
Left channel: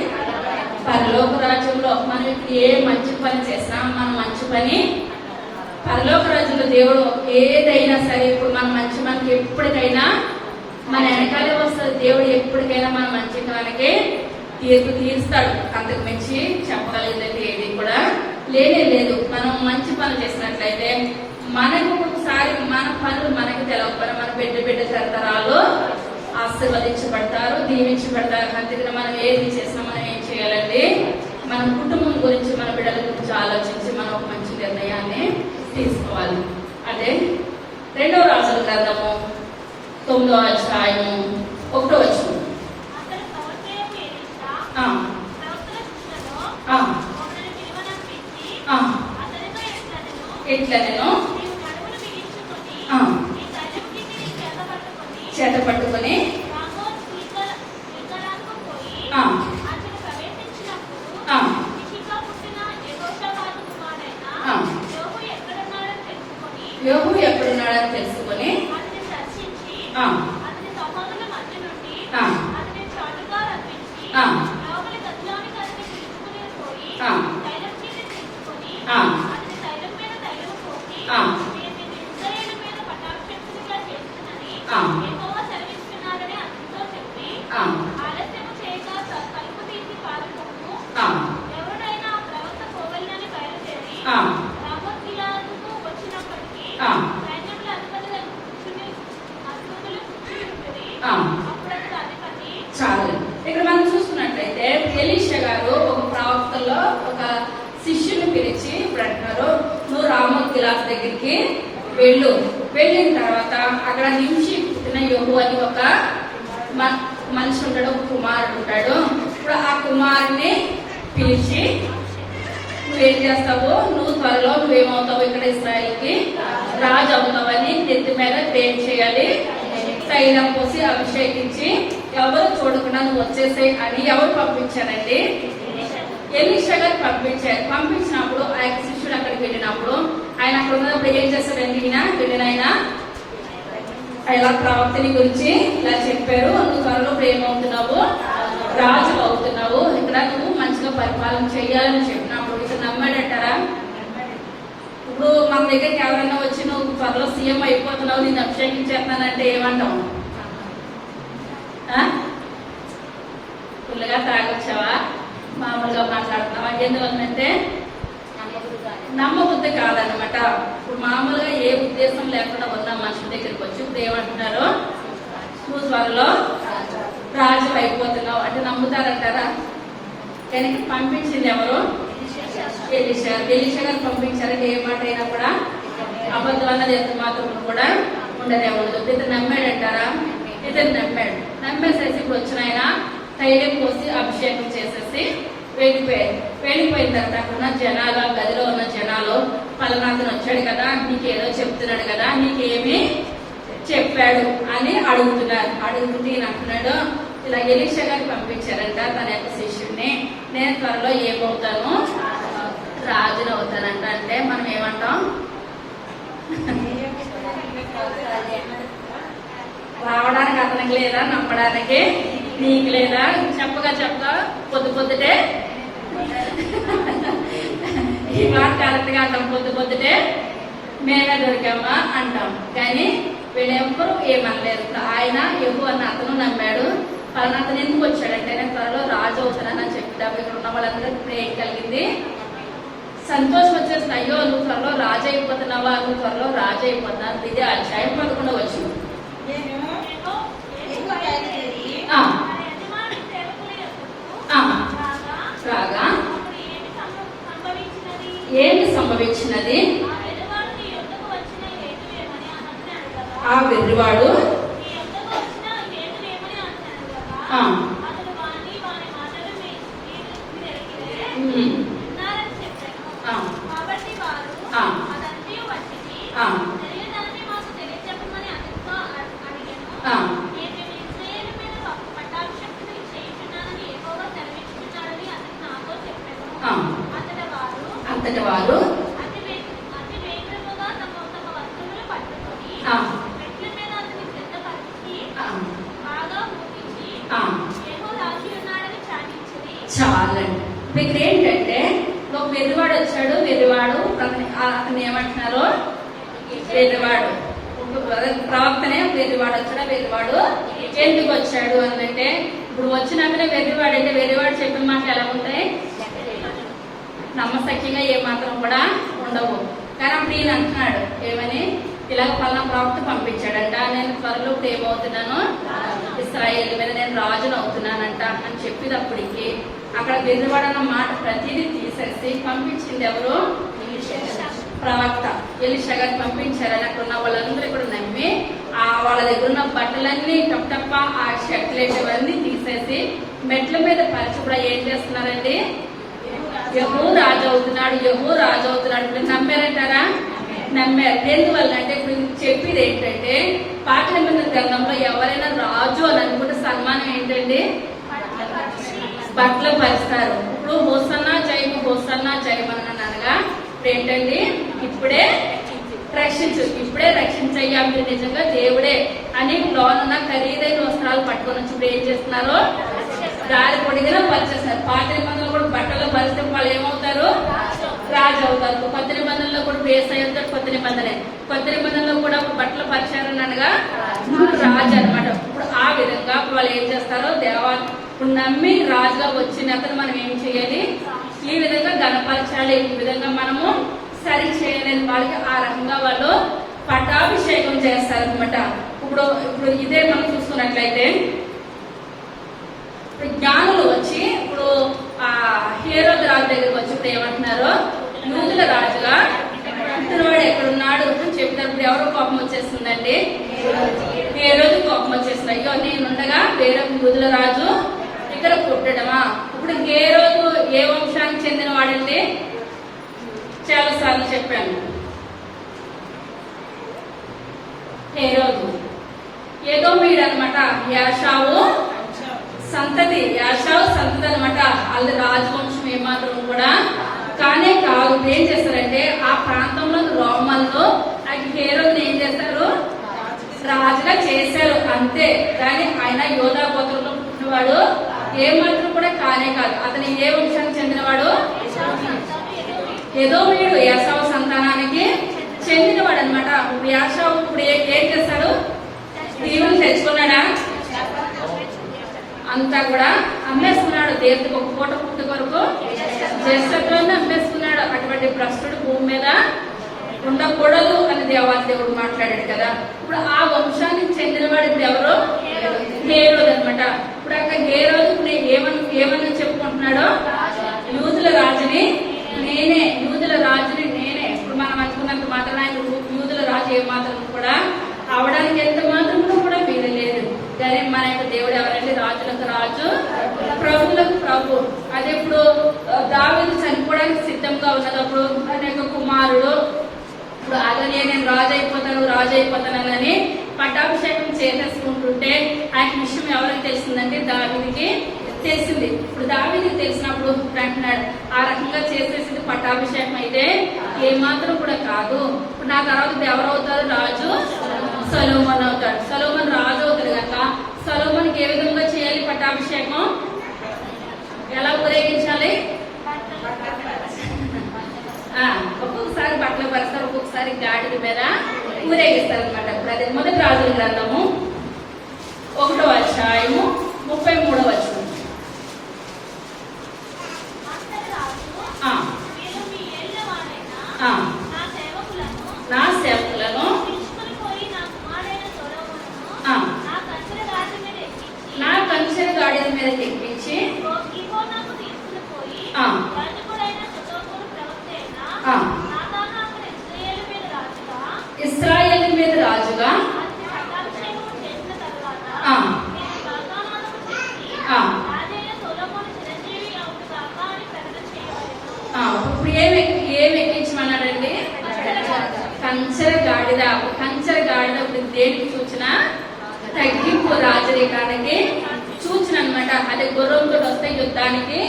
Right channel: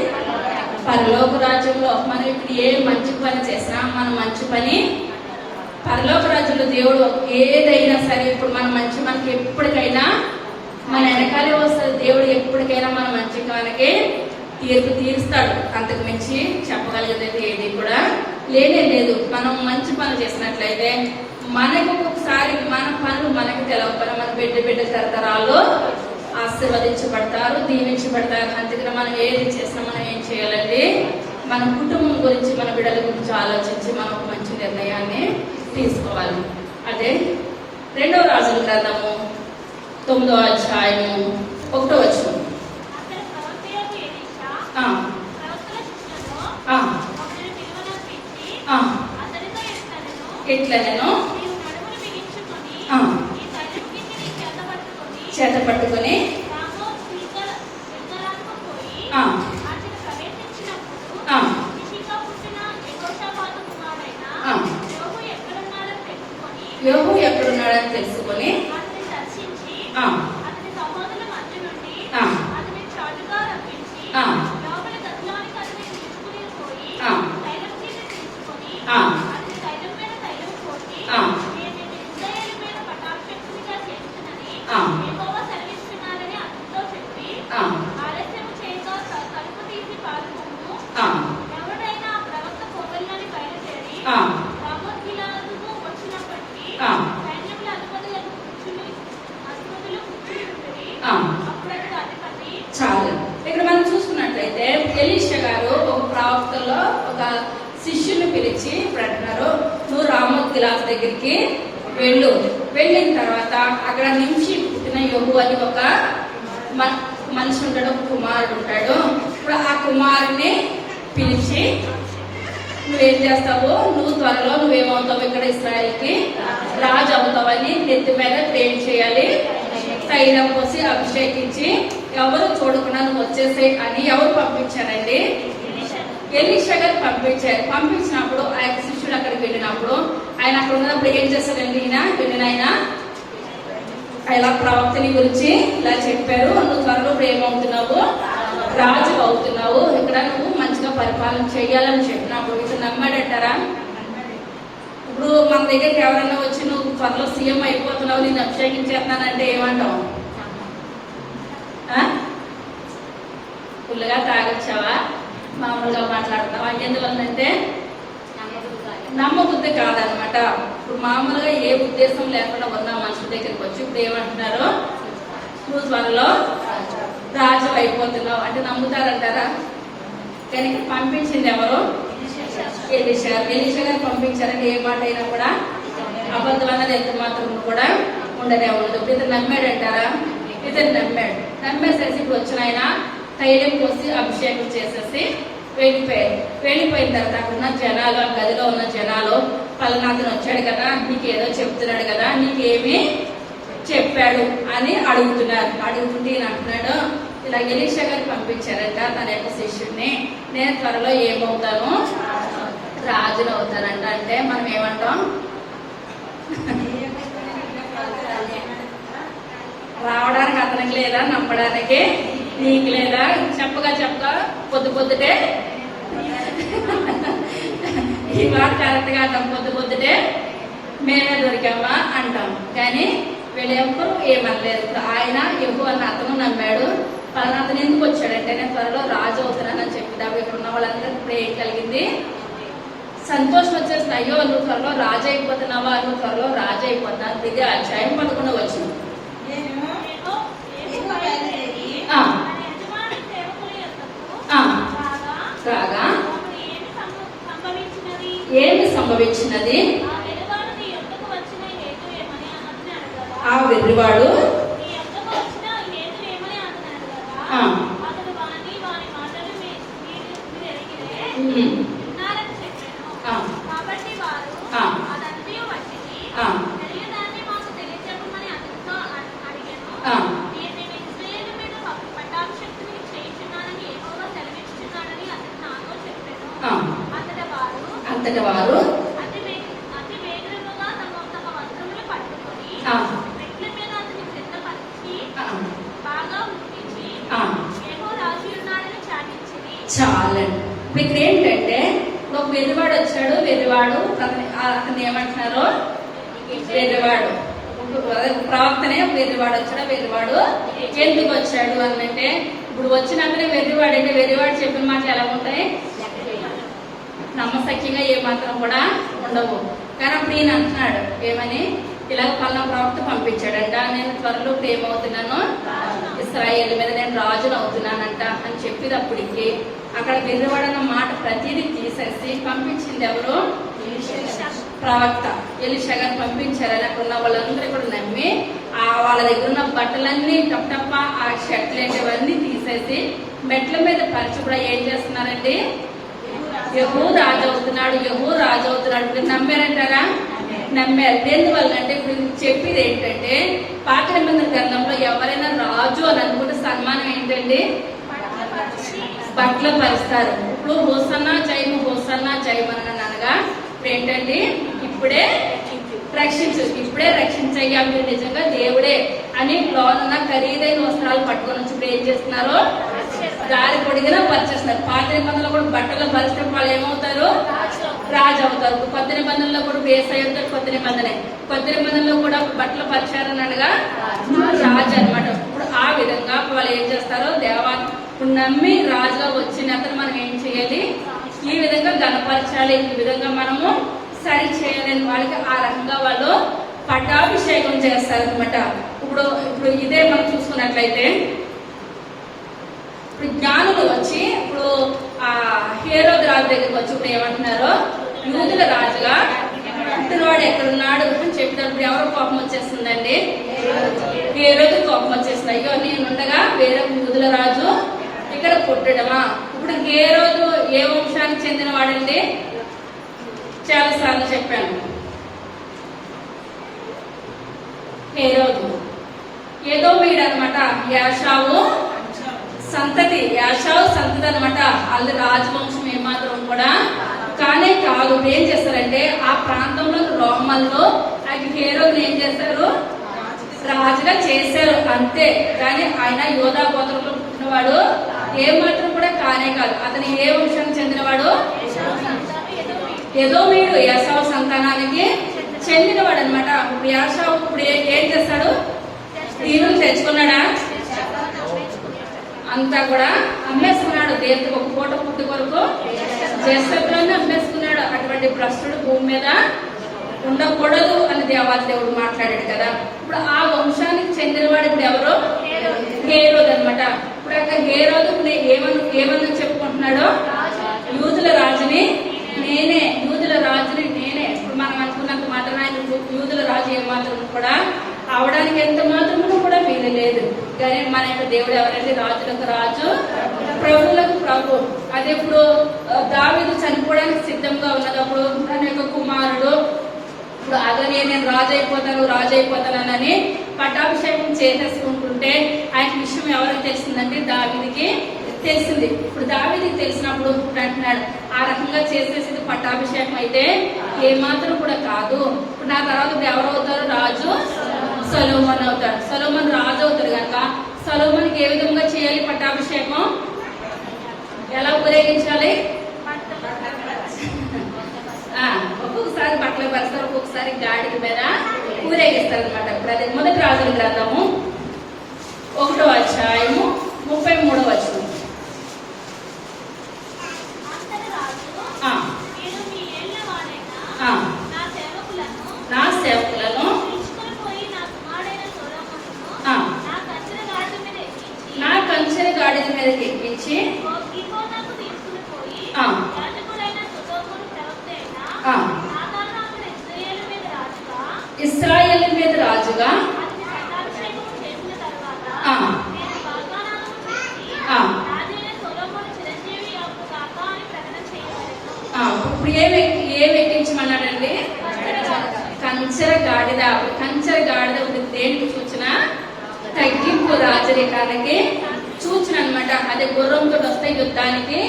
పరలోక రాజ్యంలో. మనం ఇప్పుడు ఏ మంచి పని చేసినా మనం మంచి పని ఏదైనా సరే ఇప్పుడు మన మంచి మనకి ఎప్పటికైనా మన వెనకాలే వస్తుంది. దేవుడు ఎప్పటికైనా మన మంచి మనకి తీర్పు తీరుస్తాడు. అంతకు మించి చెప్పగలిగేది ఏది కూడా లేనే లేదు. మనం మంచి పనులు చేసినట్లయితే మనకు ఒకసారి మన పనులు మనకి తెలవకపోయినా మన బిడ్డ తరతరాలు ఆశీర్వదించబడతారు, దీవించబడతారు. అందుకని మనం ఏది చేసినా మనం ఏం చేయాలండి, మన కుటుంబం గురించి మన బిడ్డల గురించి ఆలోచించి మనం ఒక మంచి నిర్ణయాన్ని తీసుకోవాలి. అదే 2వ రాజుల గ్రంథము 9వ అధ్యాయము 1వ వచనం. అతడు ప్రవక్తయైన ఎలీషా ఆ, ప్రవక్తల శిష్యులలో ఆ, ఒకరిని పిలువనంపించి ఆ, అతనితో ఇట్లనెను, ఇట్లా నేను నీవు నడుమును బిగించుకొని ఆ. నీ తైలకింటిని చేత పట్టుకొని రామోత్ గిల్గాలకు పోయి ఆ, అతడు ప్రవేశించినప్పుడు ఆ, కిషిలో పుట్టిన యెహోషాపాతు కుమారుడైన ఆ. యోబు ఎక్కడున్నాడని తెలుసుకొని యోబు ఎక్కడున్నాడని తెలుసుకొని అతన్ని దర్శించి ఆ, అతని సహోదరుల మధ్య నుండి ఆ. అతని చాటుగా రప్పించి ఆ. లోపలి గదిలోనికి అతని పిలుచుకుని పోయి ఆ. తైలం కింద తీసుకొని ఆ. అతని తైలం మీద తైలం పోసి ఆ. వీరిని ఇశ్రాయేలు మీద పట్టాభిషేకునిగా చేస్తున్నని ఆ. యెహోవా సెలవిస్తున్నాడని అతనితో చెప్పి ఆ, ఆలస్యం చేయగా తలుపు తీసి పారిపోము. ఆ, ఎవరైనా ఆ ప్రవక్త పోగలని బయలుదేరి ఆ. రామోత్ గిలాదుకు వచ్చినప్పటికీ ఆ. సైన్యముల అధిపతులు కూర్చుని ఉండేది. ఆ. అప్పుడు అతడు అధిపతి చాలు. ఇక్కడ మనం చూసుకున్నట్లయితే ఎలీషా గారు ఒక ప్రవక్తలో ఒక శిష్యుని పిలిచి ఇప్పుడు అంటున్నారు, నువ్వు రామోత్ గిలాదు దగ్గరికి వెళ్ళిన తర్వాత అక్కడ నుంచి పుట్టిన యోబు అని ఒక మనిషి ఉంటాడు, ఒక కుమారుడు ఉంటాడు. ఇప్పుడు ఆ కుమారుని పిలిచి నువ్వేం చేస్తావు, నువ్వు త్వరలో నువ్వేమవుతావు, ఇక్కడ ఇస్రాయల్కి రాజు అవుతావని నెత్తి మీద పేరు చేయాలి, తైలం పోసి అభిషేకించి ఎవరు చూడకుండా నువ్వు వచ్చేసాయి అని ఎవరు పంపించారండి, ఎలీషా గారు పంపించారు. పంపించినప్పుడు ఆ యొక్క శిష్యుడు అక్కడికి వెళ్ళినప్పుడు ఆయన అక్కడ ఉన్నప్పుడు ఏం చేస్తాడండి, వెళ్ళిన ఆయన ఇలా ప్రవక్తని గురించి ఇలా చెప్పారు, నువ్వు త్వరలో ఇప్పుడు ఏమవుతున్నావు, రాజు అవుతున్నావు, ఇక్కడ నువ్వు మంచిగా పరిపాలన చేయాలని చెప్పినప్పుడు ఇతను నమ్మాడంటారా? ఇప్పుడు మన దగ్గరికి ఎవరన్నా వచ్చి నువ్వు త్వరలో సీఎం అయిపోతున్నావు, నేను అభిషేకించేస్తున్నానంటే ఏమంటావు? ఫుల్గా తాగొచ్చావా, మామూలుగా మాట్లాడుతున్నావా? ఎందువల్లంటే నమ్మబుద్ధి కాదనమాట. ఇప్పుడు మామూలుగా ఏ ఉద్దేశం లేకుండా ఉన్న మనుషుల దగ్గరికి వచ్చి ఇప్పుడు ఏమంటున్నారు, నువ్వు త్వరలో రాజు అయిపోతున్నావు అంటే నమ్ముతారంటారా? కనుక పంపించింది ఎవరు? ఎలీషా గారు పంపించారంటే ఏ మాట అయినా కూడా అబద్ధం అన్నది ఎంత మాత్రం కూడా ఉండనే ఉండదు. ఇతను నమ్మాడంటారా? ఇతను నమ్మేసేసి ఇప్పుడు వచ్చిన ఆయన తైలం పోసి అభిషేకం చేసేసి వెళ్ళిపోయిన తర్వాత అక్కడ ఉన్న జనాలు, ఆ గదిలో ఉన్న జనాలు, పలనాథన్ వచ్చాడు కదా, నీకేదో చెప్తున్నాడు కదా, నీకేమి చెప్పాడు అని అడుగుతుంటే ఈయన అంటున్నాడు, ఇలా ఎలీషా గారు పంపించారంట తన యొక్క శిష్యుడిని, నేను త్వరలో ఏమవుతాను, రాజును అవుతానంట. అంటే మనం ఏమంటాం, రావడానికి అతనికి లేదా, నమ్మడానికి నీకు లేదా, చెప్పగా పొద్దుటే ఈ మాట కరెక్ట్ గా అంటాం, పొద్దుటే మేమే దొరికామా అంటాం. కానీ వీళ్ళెవ్వరూ ఏమనలేదు. ఇప్పుడు ఆయన యెహోవా అన్న అతను నమ్మాడు. పలానా అతను ఎందుకు వచ్చాడంటే నేను త్వరలో రాజు అవుతున్నానని చెప్పిదాము. ఇక్కడ ఉన్న వాళ్ళందరికీ ఇప్పుడు ఏం కలిగింది, సంతోషం వచ్చేసింది. అయ్యో నువ్వు త్వరలో రాజు అయిపోతున్నావా, నువ్వు త్వరలో రాజు అయిపోతున్నావు. ఇదే అధ్యాయం 11 వచ్చింది. నేను ఎక్కువ బయలుదేరి ఆ, తన యజమాని సేవకుల యొద్దకు ఆ, రాగా రాగా అప్పుడు సంభవించినది ఏంటి సంభవించినది? ఆ వెలువాడు నీ యొద్దకు వచ్చిన హేతు ఏమని అతన్ని అడగగా ఆ వెర్రివాడు నీ యొద్దకు వచ్చిన హేతు ఏమని అతన్ని అడగగా ఆ, అతడు వాని మాటలు మీరు ఎరిగితే ఉమ్, విన్నారని చెప్పాను. ఆ, కాబట్టి వారు ఆ. అదంతయు వచ్చింది ఆ. తెలియదాన్ని మాకు తెలియజెప్పమని అతనితో అడిగాను. ఆ. నేను ఇశ్రాయేలు మీద పట్టాభిషేకుని చేయుచున్నానని యెహోవా సెలవిస్తున్నాడని అతడు నాతో చెప్పాను. ఆ. అంతట వారు అంతటి వారు అతి వేగముగా తమ వస్తువులు పట్టుకొని ఆ, మెట్ల మీద అతని సిద్ధపరిచి ఆ, బాగా ముట్టించి ఆ, యెహోవా రాజు ఉన్నాడని చాటించింది. చాలండి. ఇక్కడ ఏంటంటే ఒక వెర్రివాడు వచ్చాడు. వెర్రివాడు అతను ఏమంటున్నారు, వెర్రివాడు. అదే ప్రవక్తనే వెర్రివాడు వచ్చాడా, వెర్రివాడు ఎందుకు వచ్చాడు అనంటే, ఇప్పుడు వచ్చినాకనే వెర్రివాడు అంటే వెర్రివాడు చెప్పిన మాటలు ఎలా ఉంటాయి, నమ్మశక్యంగా ఏ మాత్రం కూడా ఉండవు. కానీ అప్పుడు ఈయన అంటున్నాడు ఏమని, ఇలాగ పలానా ప్రవక్త పంపించాడంట, నేను త్వరలో ఇప్పుడు ఏమవుతున్నాను, ఇశ్రాయేలు మీద నేను రాజును అవుతున్నానంట అని చెప్పేటప్పటికి అక్కడ వెర్రివాడన్న మాట ప్రతిదీ తీసేసి పంపించింది ఎవరు, ప్రవక్త ఎలీషా గారు పంపించారని అక్కడ ఉన్న వాళ్ళందరూ కూడా నమ్మి వాళ్ళ దగ్గర ఉన్న బట్టలన్నీ టప్ ఆ షర్ట్లేటివన్నీ తీసేసి మెట్ల మీద పరిచి కూడా ఏం చేస్తున్నారండి, యెహూ రాజు అవుతున్నాడు, యెహూ రాజు అవుతున్నాడు. ఇప్పుడు నమ్మారంటారా, నమ్మారు. ఎందువల్ల అంటే ఇప్పుడు చెప్పేది ఏంటంటే, పాత నిబంధన గ్రంథంలో ఎవరైనా రాజు అని అనుకుంటే సన్మానం ఏంటండి, బట్టలు పరుస్తారు. ఇప్పుడు హోసన్నా జయము, హోసన్నా జయము అని అనగా ఇప్పుడు ఏంటండి, ఇప్పుడే రక్షించు, ఇప్పుడే రక్షించయ్యా, మీరు నిజంగా దేవుడే అని లోనున్న ఖరీదైన వస్త్రాలు పట్టుకొని వచ్చి ఇప్పుడు ఏం చేస్తున్నారు, దారి పొడిగినా పరిచేస్తున్నారు. పాత నిబంధనలు కూడా బట్టలు పరిస్తే వాళ్ళు ఏమవుతారు, రాజు అవుతారు. కొత్త నిబంధనలో కూడా యేసయ్య అవుతాడు. కొత్త నిబంధనలో కూడా బట్టలు పరిచారని అనగా రాజు అనమాట. ఇప్పుడు ఆ విధంగా వాళ్ళు ఏం చేస్తారో, ఇప్పుడు నమ్మి రాజుగా వచ్చిన అతను మనం ఏం చేయాలి, ఈ విధంగా గణపరచాలి, ఈ విధంగా మనము సరి చేయలేని వాళ్ళకి ఆ రకంగా వాళ్ళు పట్టాభిషేకం చేస్తారనమాట. ఇప్పుడు ఇదే మనం చూసుకున్నట్లయితే, ఇప్పుడు జ్ఞానులు వచ్చి ఇప్పుడు ఆ హేరోదు రాజు దగ్గరికి వచ్చి ఇప్పుడు ఏమంటున్నారు, యూదుల రాజుగా పుట్టినవాడు ఎక్కడున్నాడు అని చెప్పినప్పుడు ఎవరో కోపం వచ్చేస్తుందండి, హేరోదు కోపం వచ్చేస్తుంది. అయ్యో నేనుండగా వేరే యూదుల రాజు ఇక్కడ పుట్టడమా. ఇప్పుడు హేరోదు ఏ వంశానికి చెందిన వాడండి, చాలా సార్లు చెప్పాను. హేరోదు ఎదోమీయుడు అనమాట, యాషావు సంతతి అనమాట. వాళ్ళ రాజవంశం ఏమాత్రం కూడా కానే కాదు. ఏం చేస్తారంటే ఆ ప్రాంతంలో రోమన్లో హేరోదుని ఏం చేస్తారు, రాజుగా చేశారు అంతే. కానీ ఆయన యోధా గోత్రంలో పుట్టినవాడు ఏమాత్రం కూడా కానే కాదు. అతను ఏ వంశానికి చెందినవాడు, ఎదోమీయుడు యాషావు సంతానానికి చెందినవాడు అనమాట. ఇప్పుడు యాషావు ఇప్పుడు ఏం చేస్తాడు, దీవులు తెచ్చుకున్నాడా, అంతా కూడా అమ్మేసుకున్నాడు. దేవుడికి ఒక పూట పుట్టి కొరకు జ్యేష్ఠత్వాన్ని అమ్మేసుకున్నాడు. అటువంటి భ్రష్టుడు భూమి మీద ఉండకూడదు అని దేవుడు మాట్లాడాడు కదా. ఇప్పుడు ఆ వంశానికి చెందినవాడు ఇప్పుడు ఎవరు, హేరోదు అనమాట. ఇప్పుడు అక్కడ హేరోదు ఏమని చెప్పుకుంటున్నాడో, యూదుల రాజుని నేనే. ఇప్పుడు మనం అనుకున్నంత మాత్రం ఆయన యూదుల రాజు ఏమాత్రం కూడా అవడానికి ఎంత మాత్రం కూడా వీలు లేదు. కానీ మన యొక్క దేవుడు ఎవరంటే రాజులకు రాజు, ప్రభువులకు ప్రభు. అదే ఇప్పుడు దావీదు చనిపోవడానికి సిద్ధంగా ఉన్నప్పుడు తన యొక్క కుమారుడు ఇప్పుడు అలానే నేను రాజు అయిపోతానని పట్టాభిషేకం చేసేసుకుంటుంటే ఆయన విషయం ఎవరికి తెలిసిందంటే దావీదుకి తెలిసింది. ఇప్పుడు దావీదుకి తెలిసినప్పుడు అంటున్నాడు, ఆ రకంగా చేసేసింది పట్టాభిషేకం అయితే ఏమాత్రం కూడా కాదు. ఇప్పుడు నా తర్వాత ఎవరవుతారు, రాజు సొలొమోన్ అవుతాడు. సొలొమోన్ రాజు అవుతాడు కనుక సొలొమోన్కి ఏ విధంగా చేయాలి పట్టాభిషేకం, ఎలా ఊరేగించాలి, ఒక్కొక్కసారి బట్టలు పరుస్తారు, ఒక్కొక్కసారి గాడిద మీద ఊరేగిస్తారు అనమాట. ఇప్పుడు అదే మొదటి రాజుల గ్రంథము 1వ అధ్యాయము 33వ వచనం. నా సేవకులను నా కంచెర గాడిద మీదకి ఎక్కించి ఇశ్రాయేలు మీద రాజుగా ఇప్పుడు ఏమి ఎక్కించమన్నాడండి, కంచెర గాడిద. కంచెర గాడిద ఇప్పుడు దేనికి సూచన, తగ్గింపు, రాజరికానికి సూచన అనమాట. అదే గుర్రంతో వస్తే యుద్ధానికి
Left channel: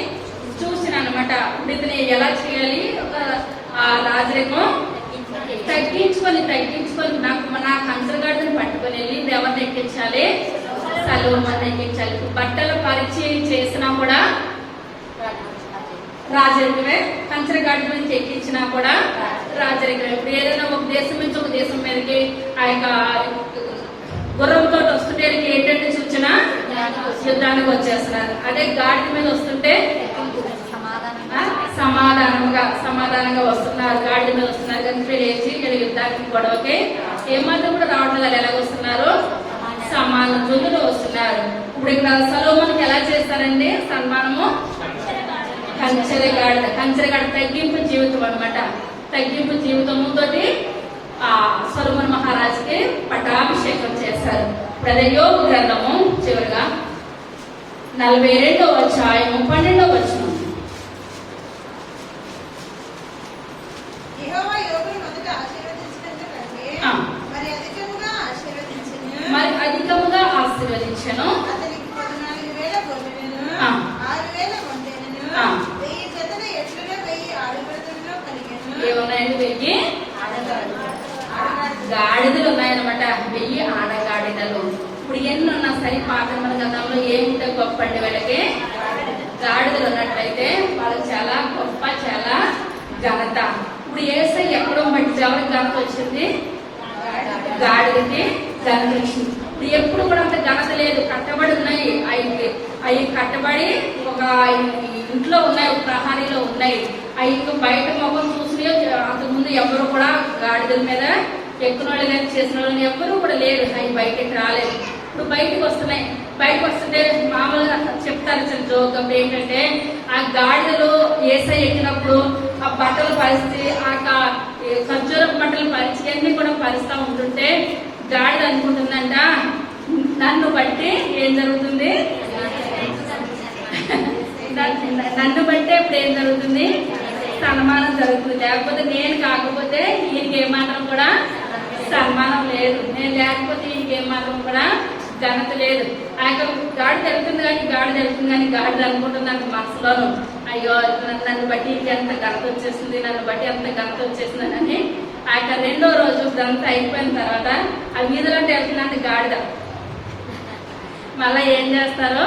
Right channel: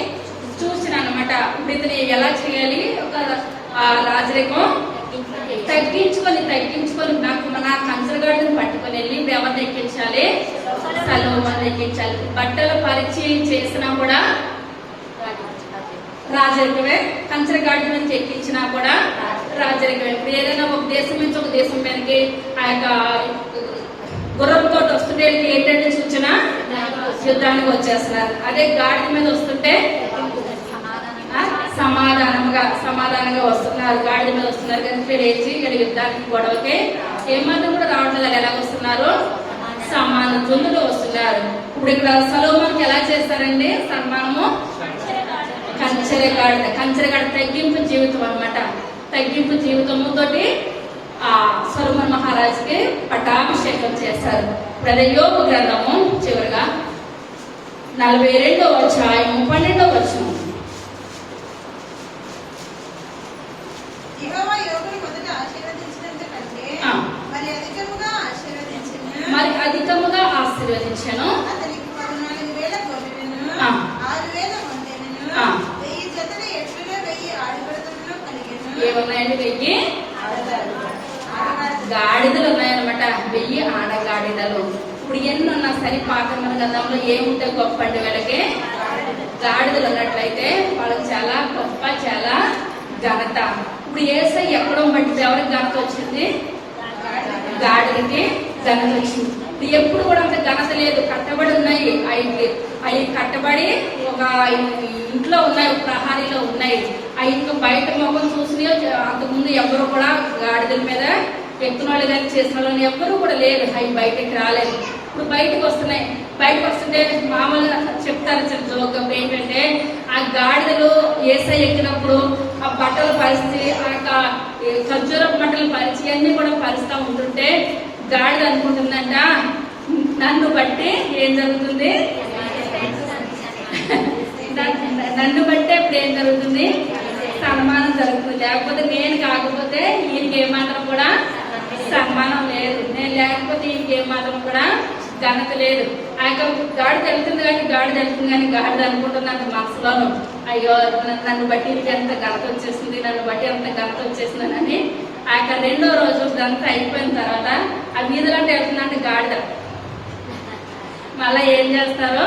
సూచన అనమాట. ఇప్పుడు ఇతను ఎలా చేయాలి, ఒక రాజరికం తగ్గించుకొని నా కంచరగాడిని పట్టుకొని వెళ్ళి ఇప్పుడు ఎవరిని ఎక్కించాలి, సొలొమోన్ని ఎక్కించాలి. బట్టల పరిచయం చేసినా కూడా రాజరికమే, కంచరగాడి నుంచి ఎక్కించినా కూడా రాజరికం. ఆశ్చర్యకరం. ఇప్పుడు ఏదైనా ఒక దేశం నుంచి ఒక దేశం మీదకి ఆ యొక్క గుర్రంతో వస్తుంటే ఏంటంటే సూచన యుద్ధానికి వచ్చేస్తున్నారు. అదే గాడిద మీద వస్తుంటే సమాధానంగా వస్తున్నారు. గాడిద మీద వస్తున్నారు కానీ లేచి ఇక్కడ యుద్ధానికి గొడవకి ఏమాత్రం కూడా రావట్లేదు. ఎలాగ వస్తున్నారు? సమాన జుల్లులు వస్తున్నారు. ఇప్పుడు ఇక్కడ సొలొమోనుకి ఎలా చేస్తారండి సన్మానము? కంచెరగాడిద తగ్గింపు జీవితం అన్నమాట. తగ్గింపు జీవితంతో సొలొమోను మహారాజుకి పట్టాభిషేకం చేశారు. ఇప్పుడు యోబు గ్రంథము చివరిగా 42వ అధ్యాయం 12వ వచనం. యెహోవా యోబును మొదట ఆశీర్వదించినందుకంటే మరి అధికముగా ఆశీర్వదించెను. అతనికి 14,000 గొర్రెలను, 6,000 మందెలను, 1000 జతల ఎడ్లను, 1000 ఆడుబడులను కలిగెను. ఏమున్నాయండి? 1000 గాడిదలు ఉన్నాయన్నమాట. 1000 ఆడగాడిదలు. ఇప్పుడు ఎన్ని ఉన్నా సరే పాఠ్యమన గతంలో ఏముంటే గొప్ప అండి వీళ్ళకి? గాడిదలు ఉన్నట్లయితే వాళ్ళకి చాలా గొప్ప, చాలా ఘనత. ఇప్పుడు యేసై ఎక్కడో బట్టి ఎవరికి ఘనత వచ్చింది? గాడిదకి ఘనత వచ్చింది. ఇప్పుడు ఎప్పుడు కూడా అంత ఘనత లేదు. కట్టబడి ఉన్నాయి. అవి కట్టబడి ఒక ఇంట్లో ఉన్నాయి, ఒక ప్రహారీలో ఉన్నాయి. అవి ఇంకా బయట మొహం చూసి అంతకుముందు ఎవరు కూడా గాడిదల మీద ఎక్కిన వాళ్ళు కానీ చేసిన వాళ్ళు ఎవరు కూడా లేరు. అవి బయటకి రాలేదు. ఇప్పుడు బయటకు వస్తున్నాయి. బయటకు వస్తుంటే మామూలుగా చెప్తారు జోక్ ఏంటంటే ఆ గాడిదలు యేసై ఎక్కినప్పుడు ఆ బట్టల పరిస్థితి, ఆ ఖర్జూరం బట్టల పరిస్థితి అన్ని కూడా పరిస్థితి ఉంటుంటే గాడిద అనుకుంటుందంట నన్ను బట్టి ఏం జరుగుతుంది? నన్ను బట్టే ఇప్పుడు ఏం జరుగుతుంది? సన్మానం జరుగుతుంది. లేకపోతే నేను కాకపోతే ఈయనకి ఏమాత్రం కూడా సన్మానం లేదు. నేను లేకపోతే ఈయనకి ఏమాత్రం కూడా ఘనత లేదు. ఆ యొక్క గాడిద వెళ్తుంది కానీ గాడిద అనుకుంటుంది అంటే మనసులోను, అయ్యో నన్ను బట్టి ఎంత ఘనత వచ్చేసింది, నన్ను బట్టి ఎంత ఘనత వచ్చేసిందని. ఆ యొక్క 2వ రోజు ఇదంతా అయిపోయిన తర్వాత ఆ వీధులంటే వెళ్తుందంటే గాడిద మళ్ళా ఏం చేస్తారు?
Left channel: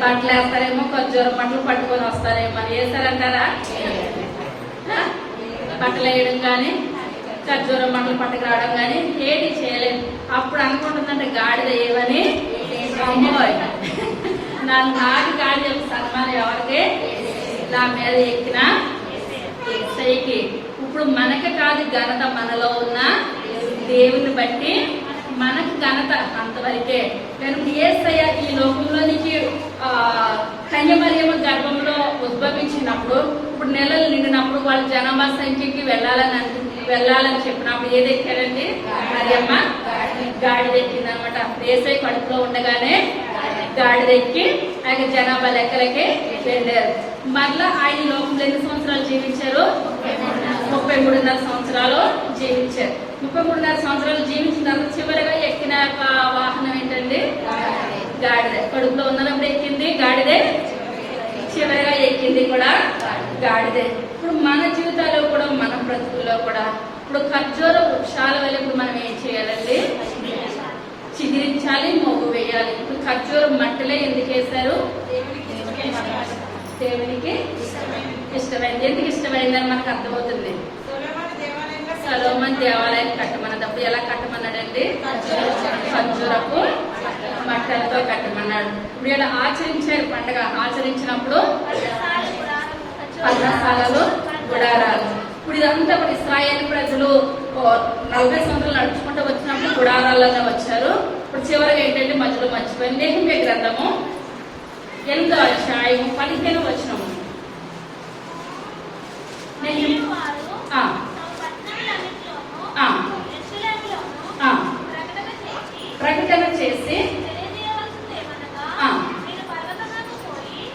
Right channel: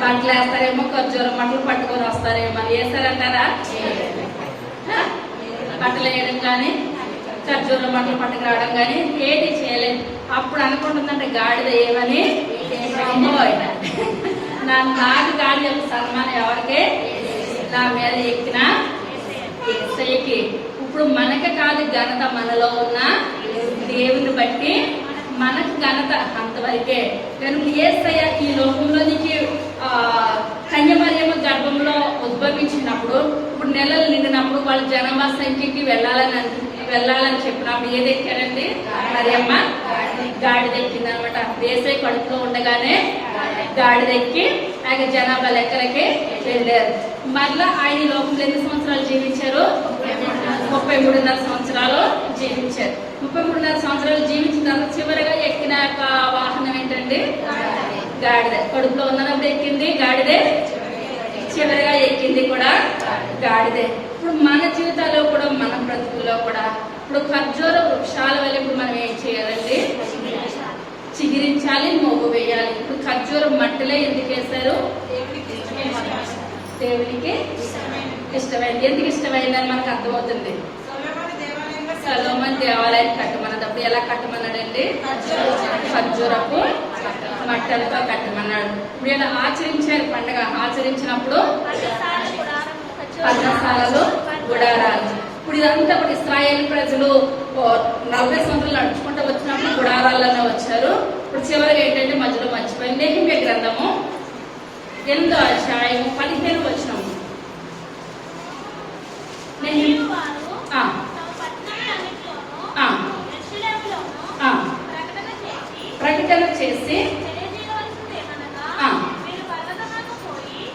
బట్టలు వేస్తారేమో, ఖర్జూరం బట్టలు పట్టుకొని వస్తారేమో. మళ్ళీ వేస్తారంటారా? బట్టలు వేయడం కానీ ఖర్జూరం బట్టలు పట్టుకు రావడం కానీ ఏటి చేయలేదు. అప్పుడు అనుకుంటుందంటే గాడిద ఏమని, అమ్మోయ్ నాకు గాడిద సన్మానం ఎవరికి? నా మీద ఎక్కిన యేసయ్యకి. ఇప్పుడు మనకి కాదు ఘనత, మనలో ఉన్న దేవుని బట్టి మనకు ఘనత అంతవరకే. కనుక యేసయ్య ఈ లోకంలోనికి కన్యమరియమ్మ గర్భంలో ఉద్భవించినప్పుడు, ఇప్పుడు నెలలు నిండినప్పుడు వాళ్ళ జనాభా సంఖ్యకి వెళ్ళాలని చెప్పినప్పుడు ఏది ఎక్కారండి? మరియమ్మ గాడిద ఎక్కింది అనమాట. యేసయ్య కడుపులో ఉండగానే గాడిద ఎక్కి ఆయన జనాభా లెక్కలకి వెళ్ళారు. మరలా ఆయన లోకంలో ఎన్ని సంవత్సరాలు జీవించారు? 33.5 సంవత్సరాలు జీవించారు. 33.5 సంవత్సరాలు జీవించిన తర్వాత చివరిగా ఎక్కిన వాహనం ఏంటండి? గాడిద. కడుపులో ఉన్నప్పుడు ఎక్కింది గాడిదే, చివరిగా ఎక్కింది కూడా గాడిదే. ఇప్పుడు మన జీవితాల్లో కూడా, మన బ్రతుకుల్లో కూడా ఇప్పుడు ఖర్జూర వృక్షాల వల్ల ఇప్పుడు మనం ఏం చేయాలండి? చిగిరించాలి, మోగు వేయాలి. ఇప్పుడు ఖర్జూరం మట్టిలో ఎందుకు వేశారు? దేవునికి ఇష్టమైంది. ఎందుకు ఇష్టమైందని మనకు అర్థమవుతుంది. సొలొమోను దేవాలయాన్ని కట్టమన్నప్పుడు ఎలా కట్టమన్నాడండి? ఖర్జూరపు మట్టలతో కట్టమన్నాడు. ఇప్పుడు ఇలా ఆచరించారు పండుగ. ఆచరించినప్పుడు పర్ణశాలలు, గుడారాలు. ఇప్పుడు ఇదంతా కూడా ఇశ్రాయేలు ప్రజలు 40 సంవత్సరాలు నడుచుకుంటూ వచ్చినప్పుడు గుడారాల్లోనే వచ్చారు. ఇప్పుడు చివరిగా ఏంటంటే మధ్యలో మర్చిపోయింది. నెహెమ్యా గ్రంథము 8వ అధ్యాయం 15వ వచనం. ప్రకటన చేసి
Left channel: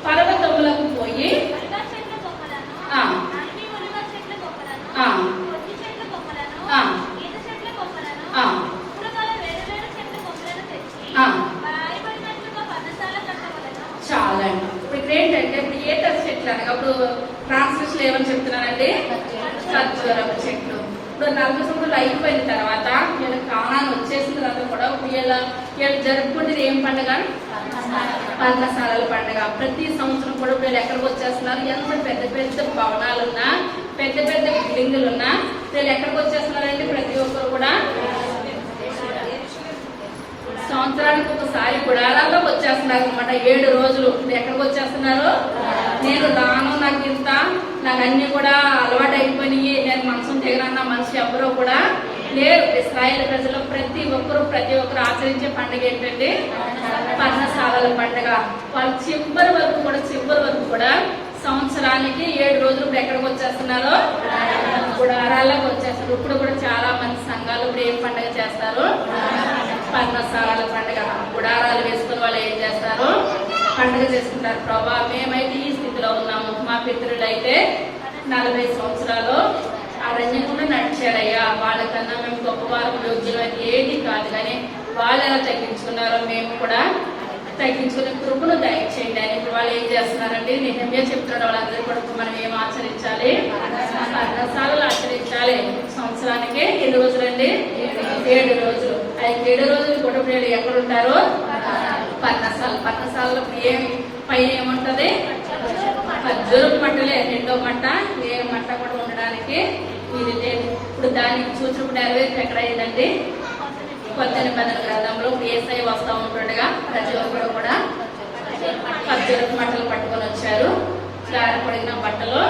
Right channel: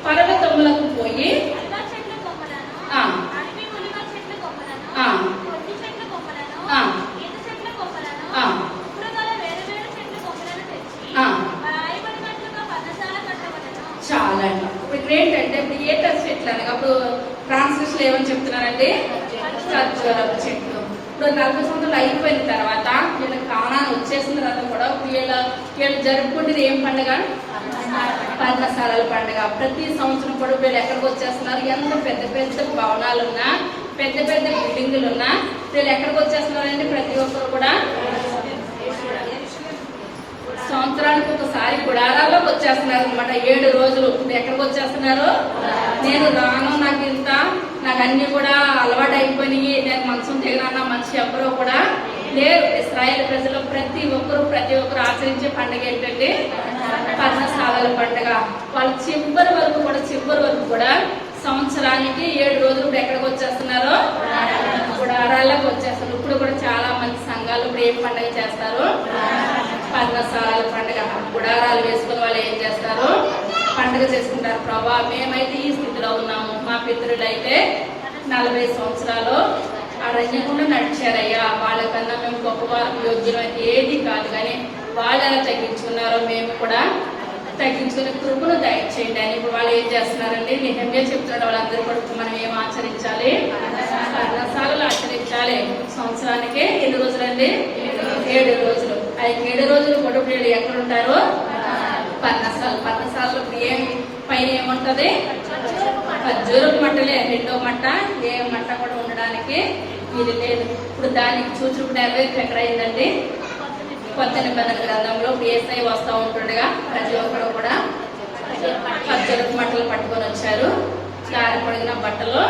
పర్వతములకు పోయి చాలా అండి. ఇప్పుడు ఏంటంటే ఇప్పుడు ఈత చెట్లు అనగా ఇప్పుడు ట్రాన్స్లేషన్ లో ఏమని చెప్తున్నారండి? ఖర్జూరపు చెట్లు. ఇప్పుడు 40 సంవత్సరాలు అయిపోయిన తర్వాత వీళ్ళ కానాన్ని వచ్చేసిన తర్వాత కూడా వీళ్ళు జరుపుకుంటేది ఏం పండుగ? పర్ణశాలల పండుగ. ప్రతి సంవత్సరం కూడా వీళ్ళు ఎక్కడికి వచ్చేస్తున్నారు? ఎంత పెద్ద పెద్ద భవనాలున్నా, పెద్ద పెద్ద బిల్డింగులు ఉన్నా చేస్తున్నారండి ప్రతి ఒక్కరు కూడా? సంవత్సరానికి ఒకసారి గుడారాల్లోకి వచ్చేస్తున్నారు అనమాట. 7 రోజులు ఎక్కడికి వచ్చేస్తున్నారు? నేను రాను, నాకు అన్ని కూడా అలవాటు అయిపోయినాయి, నేను మంచం దిగనన్న మనిషి ఎవరో కూడా లేరు. ఇశ్రాయేలు ప్రజలు ప్రతి ఒక్కరు ఆచరించే పండుగ ఏంటంటే పర్ణశాలల పండుగ. వాళ్ళు చివరి వరకు కూడా సంవత్సరానికి 7 రోజులు ఇప్పుడు ఎక్కడికి వచ్చేస్తున్నారో గుడారాల్లోకి వచ్చేస్తారు. ఇప్పుడు కూడా చాలా మంది సంఘాలు ఇప్పుడు ఏం పండుగ చేస్తారు? పర్ణశాలల పండుగ. గుడారాలు వేసుకుని వాళ్ళు ఏం చేస్తారు? పండుగ చేసుకుంటారు. ప్రభా, మేమైతే ఈ స్థితిలో ఉన్నాము, మా పితరులు అయితే 40 సంవత్సరాలు అరణ్యకుండా నడిచారయ్యా, వాళ్ళకన్నా మేము గొప్పవారం యోగ్యమైతే ఏది కాదు, కానీ వాళ్ళు ఎలా తగ్గించుకున్నారో మేము కూడా తగ్గించుకునే కృపను దయచేయండి అని ఇప్పుడు వాళ్ళు ఏం చేస్తున్నారండి? నిజంగా చెప్తున్నాడు. వాళ్ళందరూ కూడా మనం ఏం ఆచరించాలి? పర్ణశాలలు ఆచరించాలి. సంవత్సరానికి ఎన్ని రోజులండి? 7 రోజులు. ఆ 7 రోజులు కూడా ఇప్పుడు ఎక్కడ ఉంటారు? పర్ణశాలలో పైన ఏముంటది? ఖర్జూరపు మట్టలే. 2వ మట్ట, ఏ మట్ట కూడా ఉండడానికి ఇది లేదు. ఇప్పుడు దానికి సూచనకు నెరవేర్పు ఎక్కడ అయిందండి? కొత్త నిబంధన గ్రంథంలో యేసయ్య వస్తా ఉంటుండగా ప్రతి ఒక్కరు కూడా ఖర్జూరపు మట్టలు పట్టుకొని వచ్చారు, దారి పొడిగిన బట్టలు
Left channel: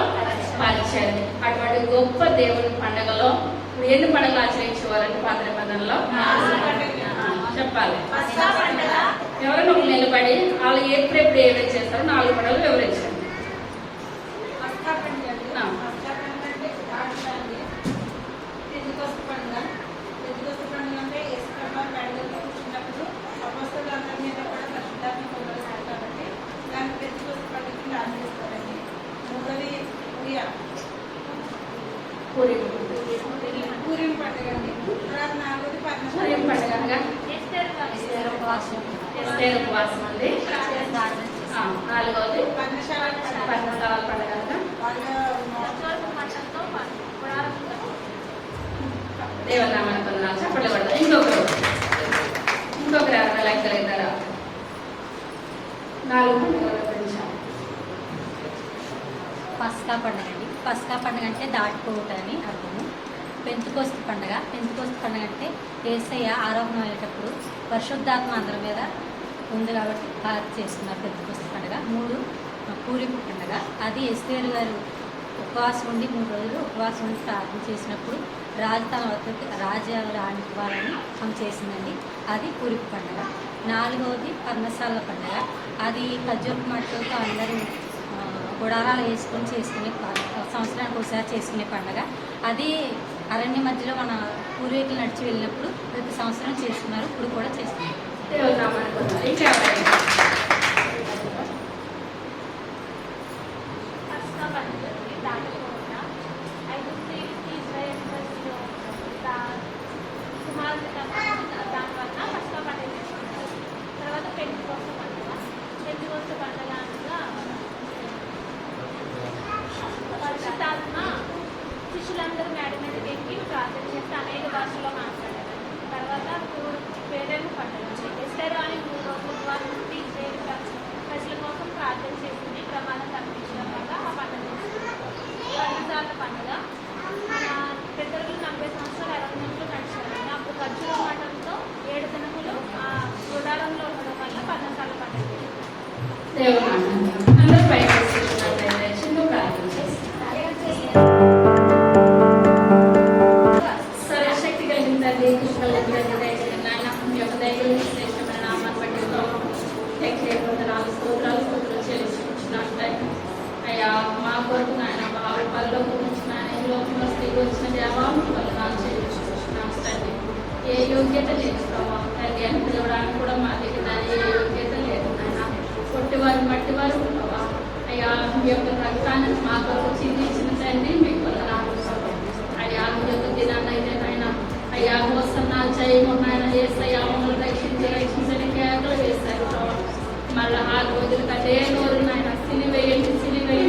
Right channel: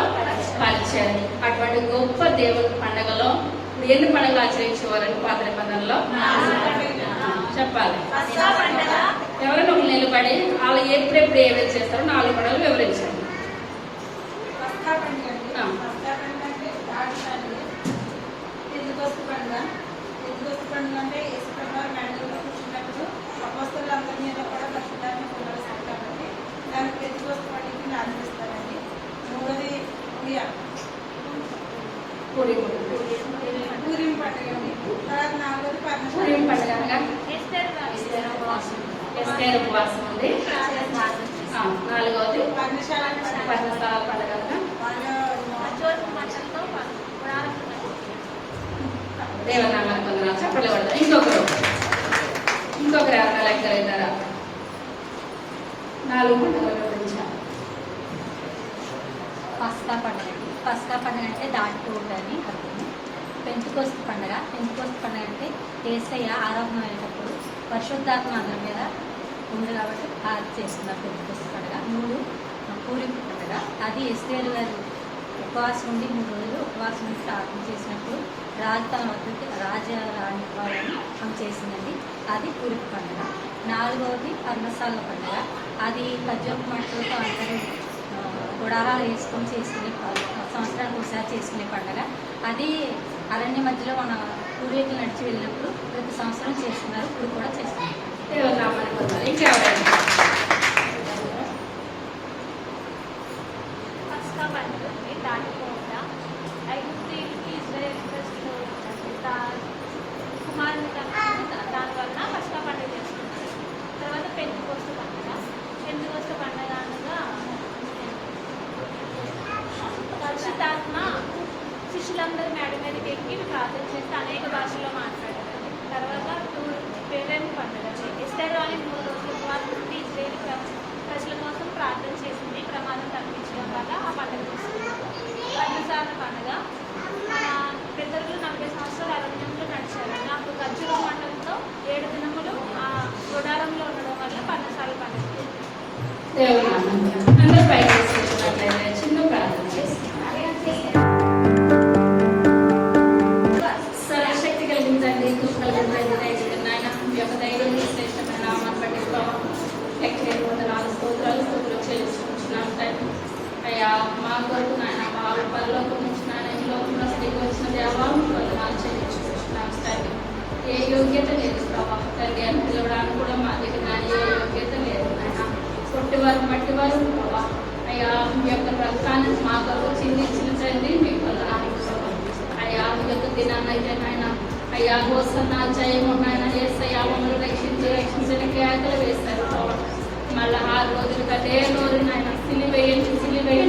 పరిచారు. అటువంటి గొప్ప దేవుని పండుగలో ఇప్పుడు ఎన్ని పండుగలు ఆచరించేవారండి పాత నిబంధనలో? చెప్పాలి. ఎవరైనా ఒక నిలబడి వాళ్ళు ఎప్పుడెప్పుడు ఏమేమి చేస్తారో 4 పండుగలు వివరించారు. పండుగ అంటే యేసుప్రభువారు మేడలో కూర్చున్నప్పుడు అపోస్తలులందరి మీద కూడా పరిశుద్ధాత్మ కుమ్మరిస్తారు కాబట్టి దానికి పెంతుకొస్తు పండుగని ఆచరిస్తారండి. 3వది పూరిం పండుగ అండి. తర్వాత 4వది పూరిం పండుగ అనగా ఎస్తేరు ఉపవాసం అండి. 4వది పర్ణశాలల పండుగ అనగా దేవనామానికి వందనాలు. చెప్పండి కూడా. ఇంకొకరు ఎవరైనా లెక్కలేదారా? 4 పండుగలు వివరించాం. పస్కా పండుగ అండి. పస్కా పండుగ అంటే దాటిపోవటం అని అర్థం. పెంతుకోస్తు పండుగ అంటే యేసయ్య ఆరోహణ అయ్యేటప్పుడు పరిశుద్ధాత్మ అందరి మీద ఉంది కాబట్టి చేసుకున్నారు పెంతుకోస్తు పండుగ. 3 పూరింపు పండుగ. అది ఎస్తేరు గారు ఉపవాసం ఉండి 3 రోజులు ఉపవాసం ఉండి ప్రార్థన చేసినప్పుడు రాజు తన వద్దకు రాజ్యాలు రానివ్వాలని ఆమె చేసిందండి. అది పూరింపు పండుగ. 4వది పర్ణశాల పండుగ. అది ఖర్జూరపు మట్టలతో అందరూ గుడారాలు వేసుకొని చేసుకునే సంవత్సరానికి ఒకసారి చేసుకునే పండుగ. అది అరణ్య మధ్యలో మన పూర్వీకులు నడిచి వెళ్ళినప్పుడు ప్రతి సంవత్సరం చేసుకున్నారు. ఇప్పుడు కూడా చేస్తున్నారు. శిష్యులందరూ మేడ మీద పెట్టి ప్రార్థన చేస్తే అనేక భాషల్లో మాట్లాడారు. తర్వాత పేరెంట్ పండుగ ఎస్తేరు అనే 3 రోజులు ప్రజల కోసం ప్రార్థన చేసింది. ప్రమాణం తప్పించిన వల్ల ఆ పండుగ వస్తుంది. పర్ణశాల పండుగ పెద్దలు 40 సంవత్సరాలు అరణ్యంలో నడిచారు. అప్పుడు ఖర్జూర మండలంతో 7 దినములు ఆ గుడారంలో ఉండడం వల్ల పర్ణశాల పండుగ. అందరూ పైకి చేసినట్లయితే చిన్న ప్రార్థన చేస్తారు. సర్వశక్తి కలిగిందండి, కృషి కలిగిందండి, దయచేయండి నాయన. మీ యొక్క దైవం శ్రేష్టమైన నామాన్ని బట్టి స్తోత్రాలు చెల్లించుకుంటున్నాను అయ్యా. మా కొరకు నాయన బాబు పరలోకం నుంచి నాయన ఈ లోకంలో స్థితికి వచ్చిన దేవాలను వందనాలు చెల్లించుకుంటున్నాను తండ్రి. ఏ యోగ్యత లేదు ప్రభావం తండ్రి అని పిలవడానికి కూడా మా దగ్గర ఏ యోగ్యత లేదు నాయన. కొట్టివారు మట్టివారు ప్రభావ అయ్యా. మీ యొక్క రక్తాన్ని మా కొరకు చిందించిన తండ్రి మీకు వందనాలు అయ్యా. మీ యొక్క దినాన్ని అయితే నాయన అయ్యా వస్తున్నాను జయము నాయన యేసయ్యా మమ్మల్ని రక్షించని కేకలు వేస్తారు ప్రభావ. మళ్ళీ 6 రోజులకి అదే నోరు నాయన సిలివేయండి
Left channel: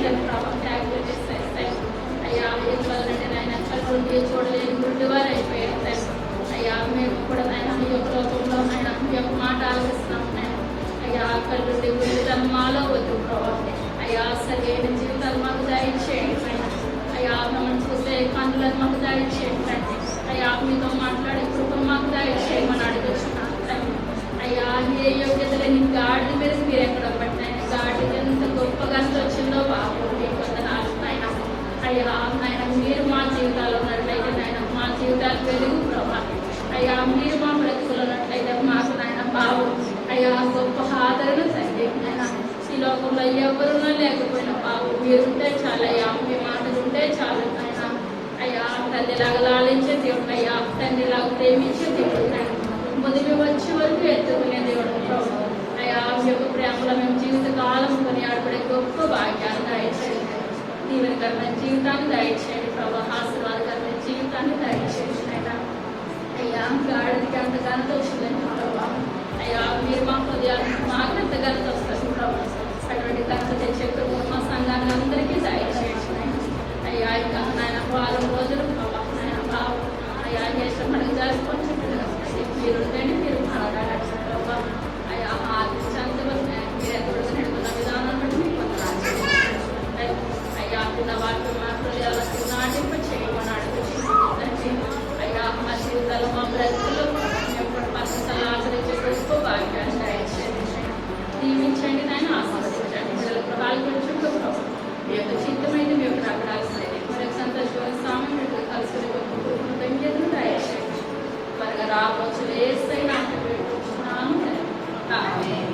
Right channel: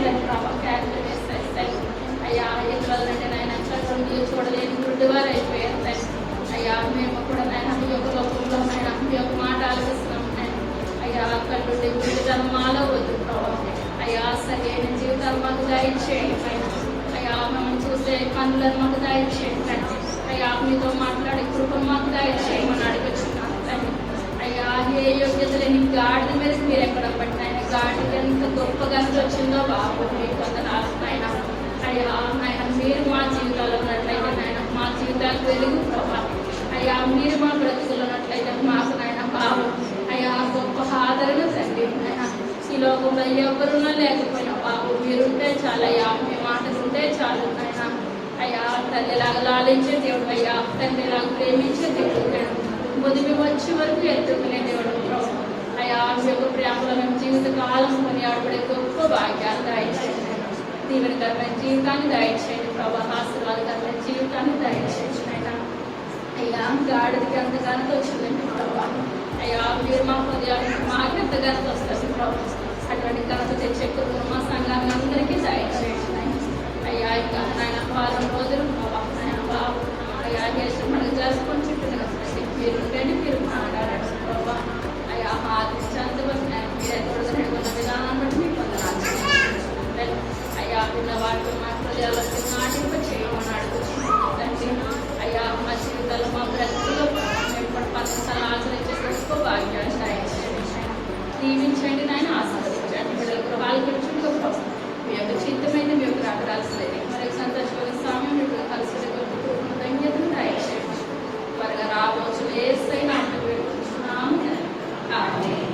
అని ప్రభావ కేకలు వేస్తారు తండ్రి అయ్యా. ఎందువల్లంటే నాయన కళ్ళు చూడలేని గుడ్డివారు అయిపోయారు తండ్రి అయ్యా. మేము కూడా నాయన మీ యొక్క లోకంలో నాయన మీ యొక్క మాట ఆలోచిస్తున్నాం నాయన అయ్యా. కళ్ళుండి గుడితనం మాలో వద్దు ప్రభావ అయ్యా. సరైన జీవితాలు మాకు దయచేయండి పైన అయ్యా. మమ్మల్ని చూసే కన్నులను మాకు దయచేయండి తండ్రి అయ్యా. మీతో మాట్లాడే కృప మాకు దయచేయమని అడుగుచున్నాను తండ్రి. అయ్యా ఏ యోగ్యత లేని గాడిద మీద మీరు ఎక్కడ బట్టి ఆయన గాడికి ఎంత గొప్పగా వచ్చిందో బాబు మీకు వందనాలు నాయన. అయ్యా నాయన మీరు మా జీవితాల్లో ఉన్నట్లయితే నాయన మా జీవితాలకు వెలుగు ప్రభా. అయ్యా మీరు మా బ్రతుకులు ఉన్నట్లయితే మాకు నాయన బాబు అయ్యా గొప్ప ఆదరణ తండ్రి. నాయన ఈ లోకంలో ఎవరున్నా లేకపోయినా బాబు మీరుంటే చాలయ్యా, మీ మాటలు ఉంటే చాలు నాయన. అయ్యా తల్లిలాగా లాలించే దేవుడు అయ్యా, తండ్రిలాగా ప్రేమించే దేవుడు నాయన, ముదిమి వచ్చే వరకు ఎత్తుకునే దేవుడు ప్రభు. అయ్యా మీ యొక్క ప్రేమలో మేము జీవితకాలం కొని ఆడబడే గొప్ప భాగ్యాలు దయచేయండి. దీవెనకరమైన జీవితాన్ని దయచేయండి ప్రభా. ఆశీర్వాదకరమైన జీవితాన్ని దయచేయండి నాయన. అయ్యా గాడిదకి అంత ఘనత వచ్చిందండి ప్రభా. అయ్యా మీరు మా హృదయాలకు మాకు ఎంత ఘనత వస్తుంది ప్రభు. అటువంటి ఘనత తెచ్చే కృప మా సంఘానికి అందరికీ దయచేయండి నాయన. అయ్యా ఇంకా నాయన వారం రోజులు ప్రభా నాయన బాబు అయ్యా దేశం మనకు జరుపుకొని చుట్టూ మీరుంటేనే మీరు మాట్లాడారు ప్రభా. అయ్యా ఆదించేంతవరకు మీరే తోడుగా నడుకున్న విధానాన్ని బట్టి మీకు వందనాలు. అయ్యా పిల్ల వాటి మా హృదయాలకు నాటింప చేయమని అడుగుతున్నాను. అయ్యా మా జీవితాల్లో మా బ్రతుకుల్లో మేము కూడా పద్ధతులు ఆచరించే గొప్ప భాగ్యాన్ని దయచేయండి నాయన. దీవించండి నాయన, ఆశీర్వదించండి. పిల్లలకు పాల్గొంటుంటూ ప్రభు మీ యొక్క చిత్తమైన మీ యొక్క రాగరాల్సింది మరొక సంతోషమైన సామ్యం మీకు కలుసుకునే గొప్ప కృపను ధన్యతను దయచేయండి. త్వరగా రావచ్చు ఏసైనా ఆమేన్.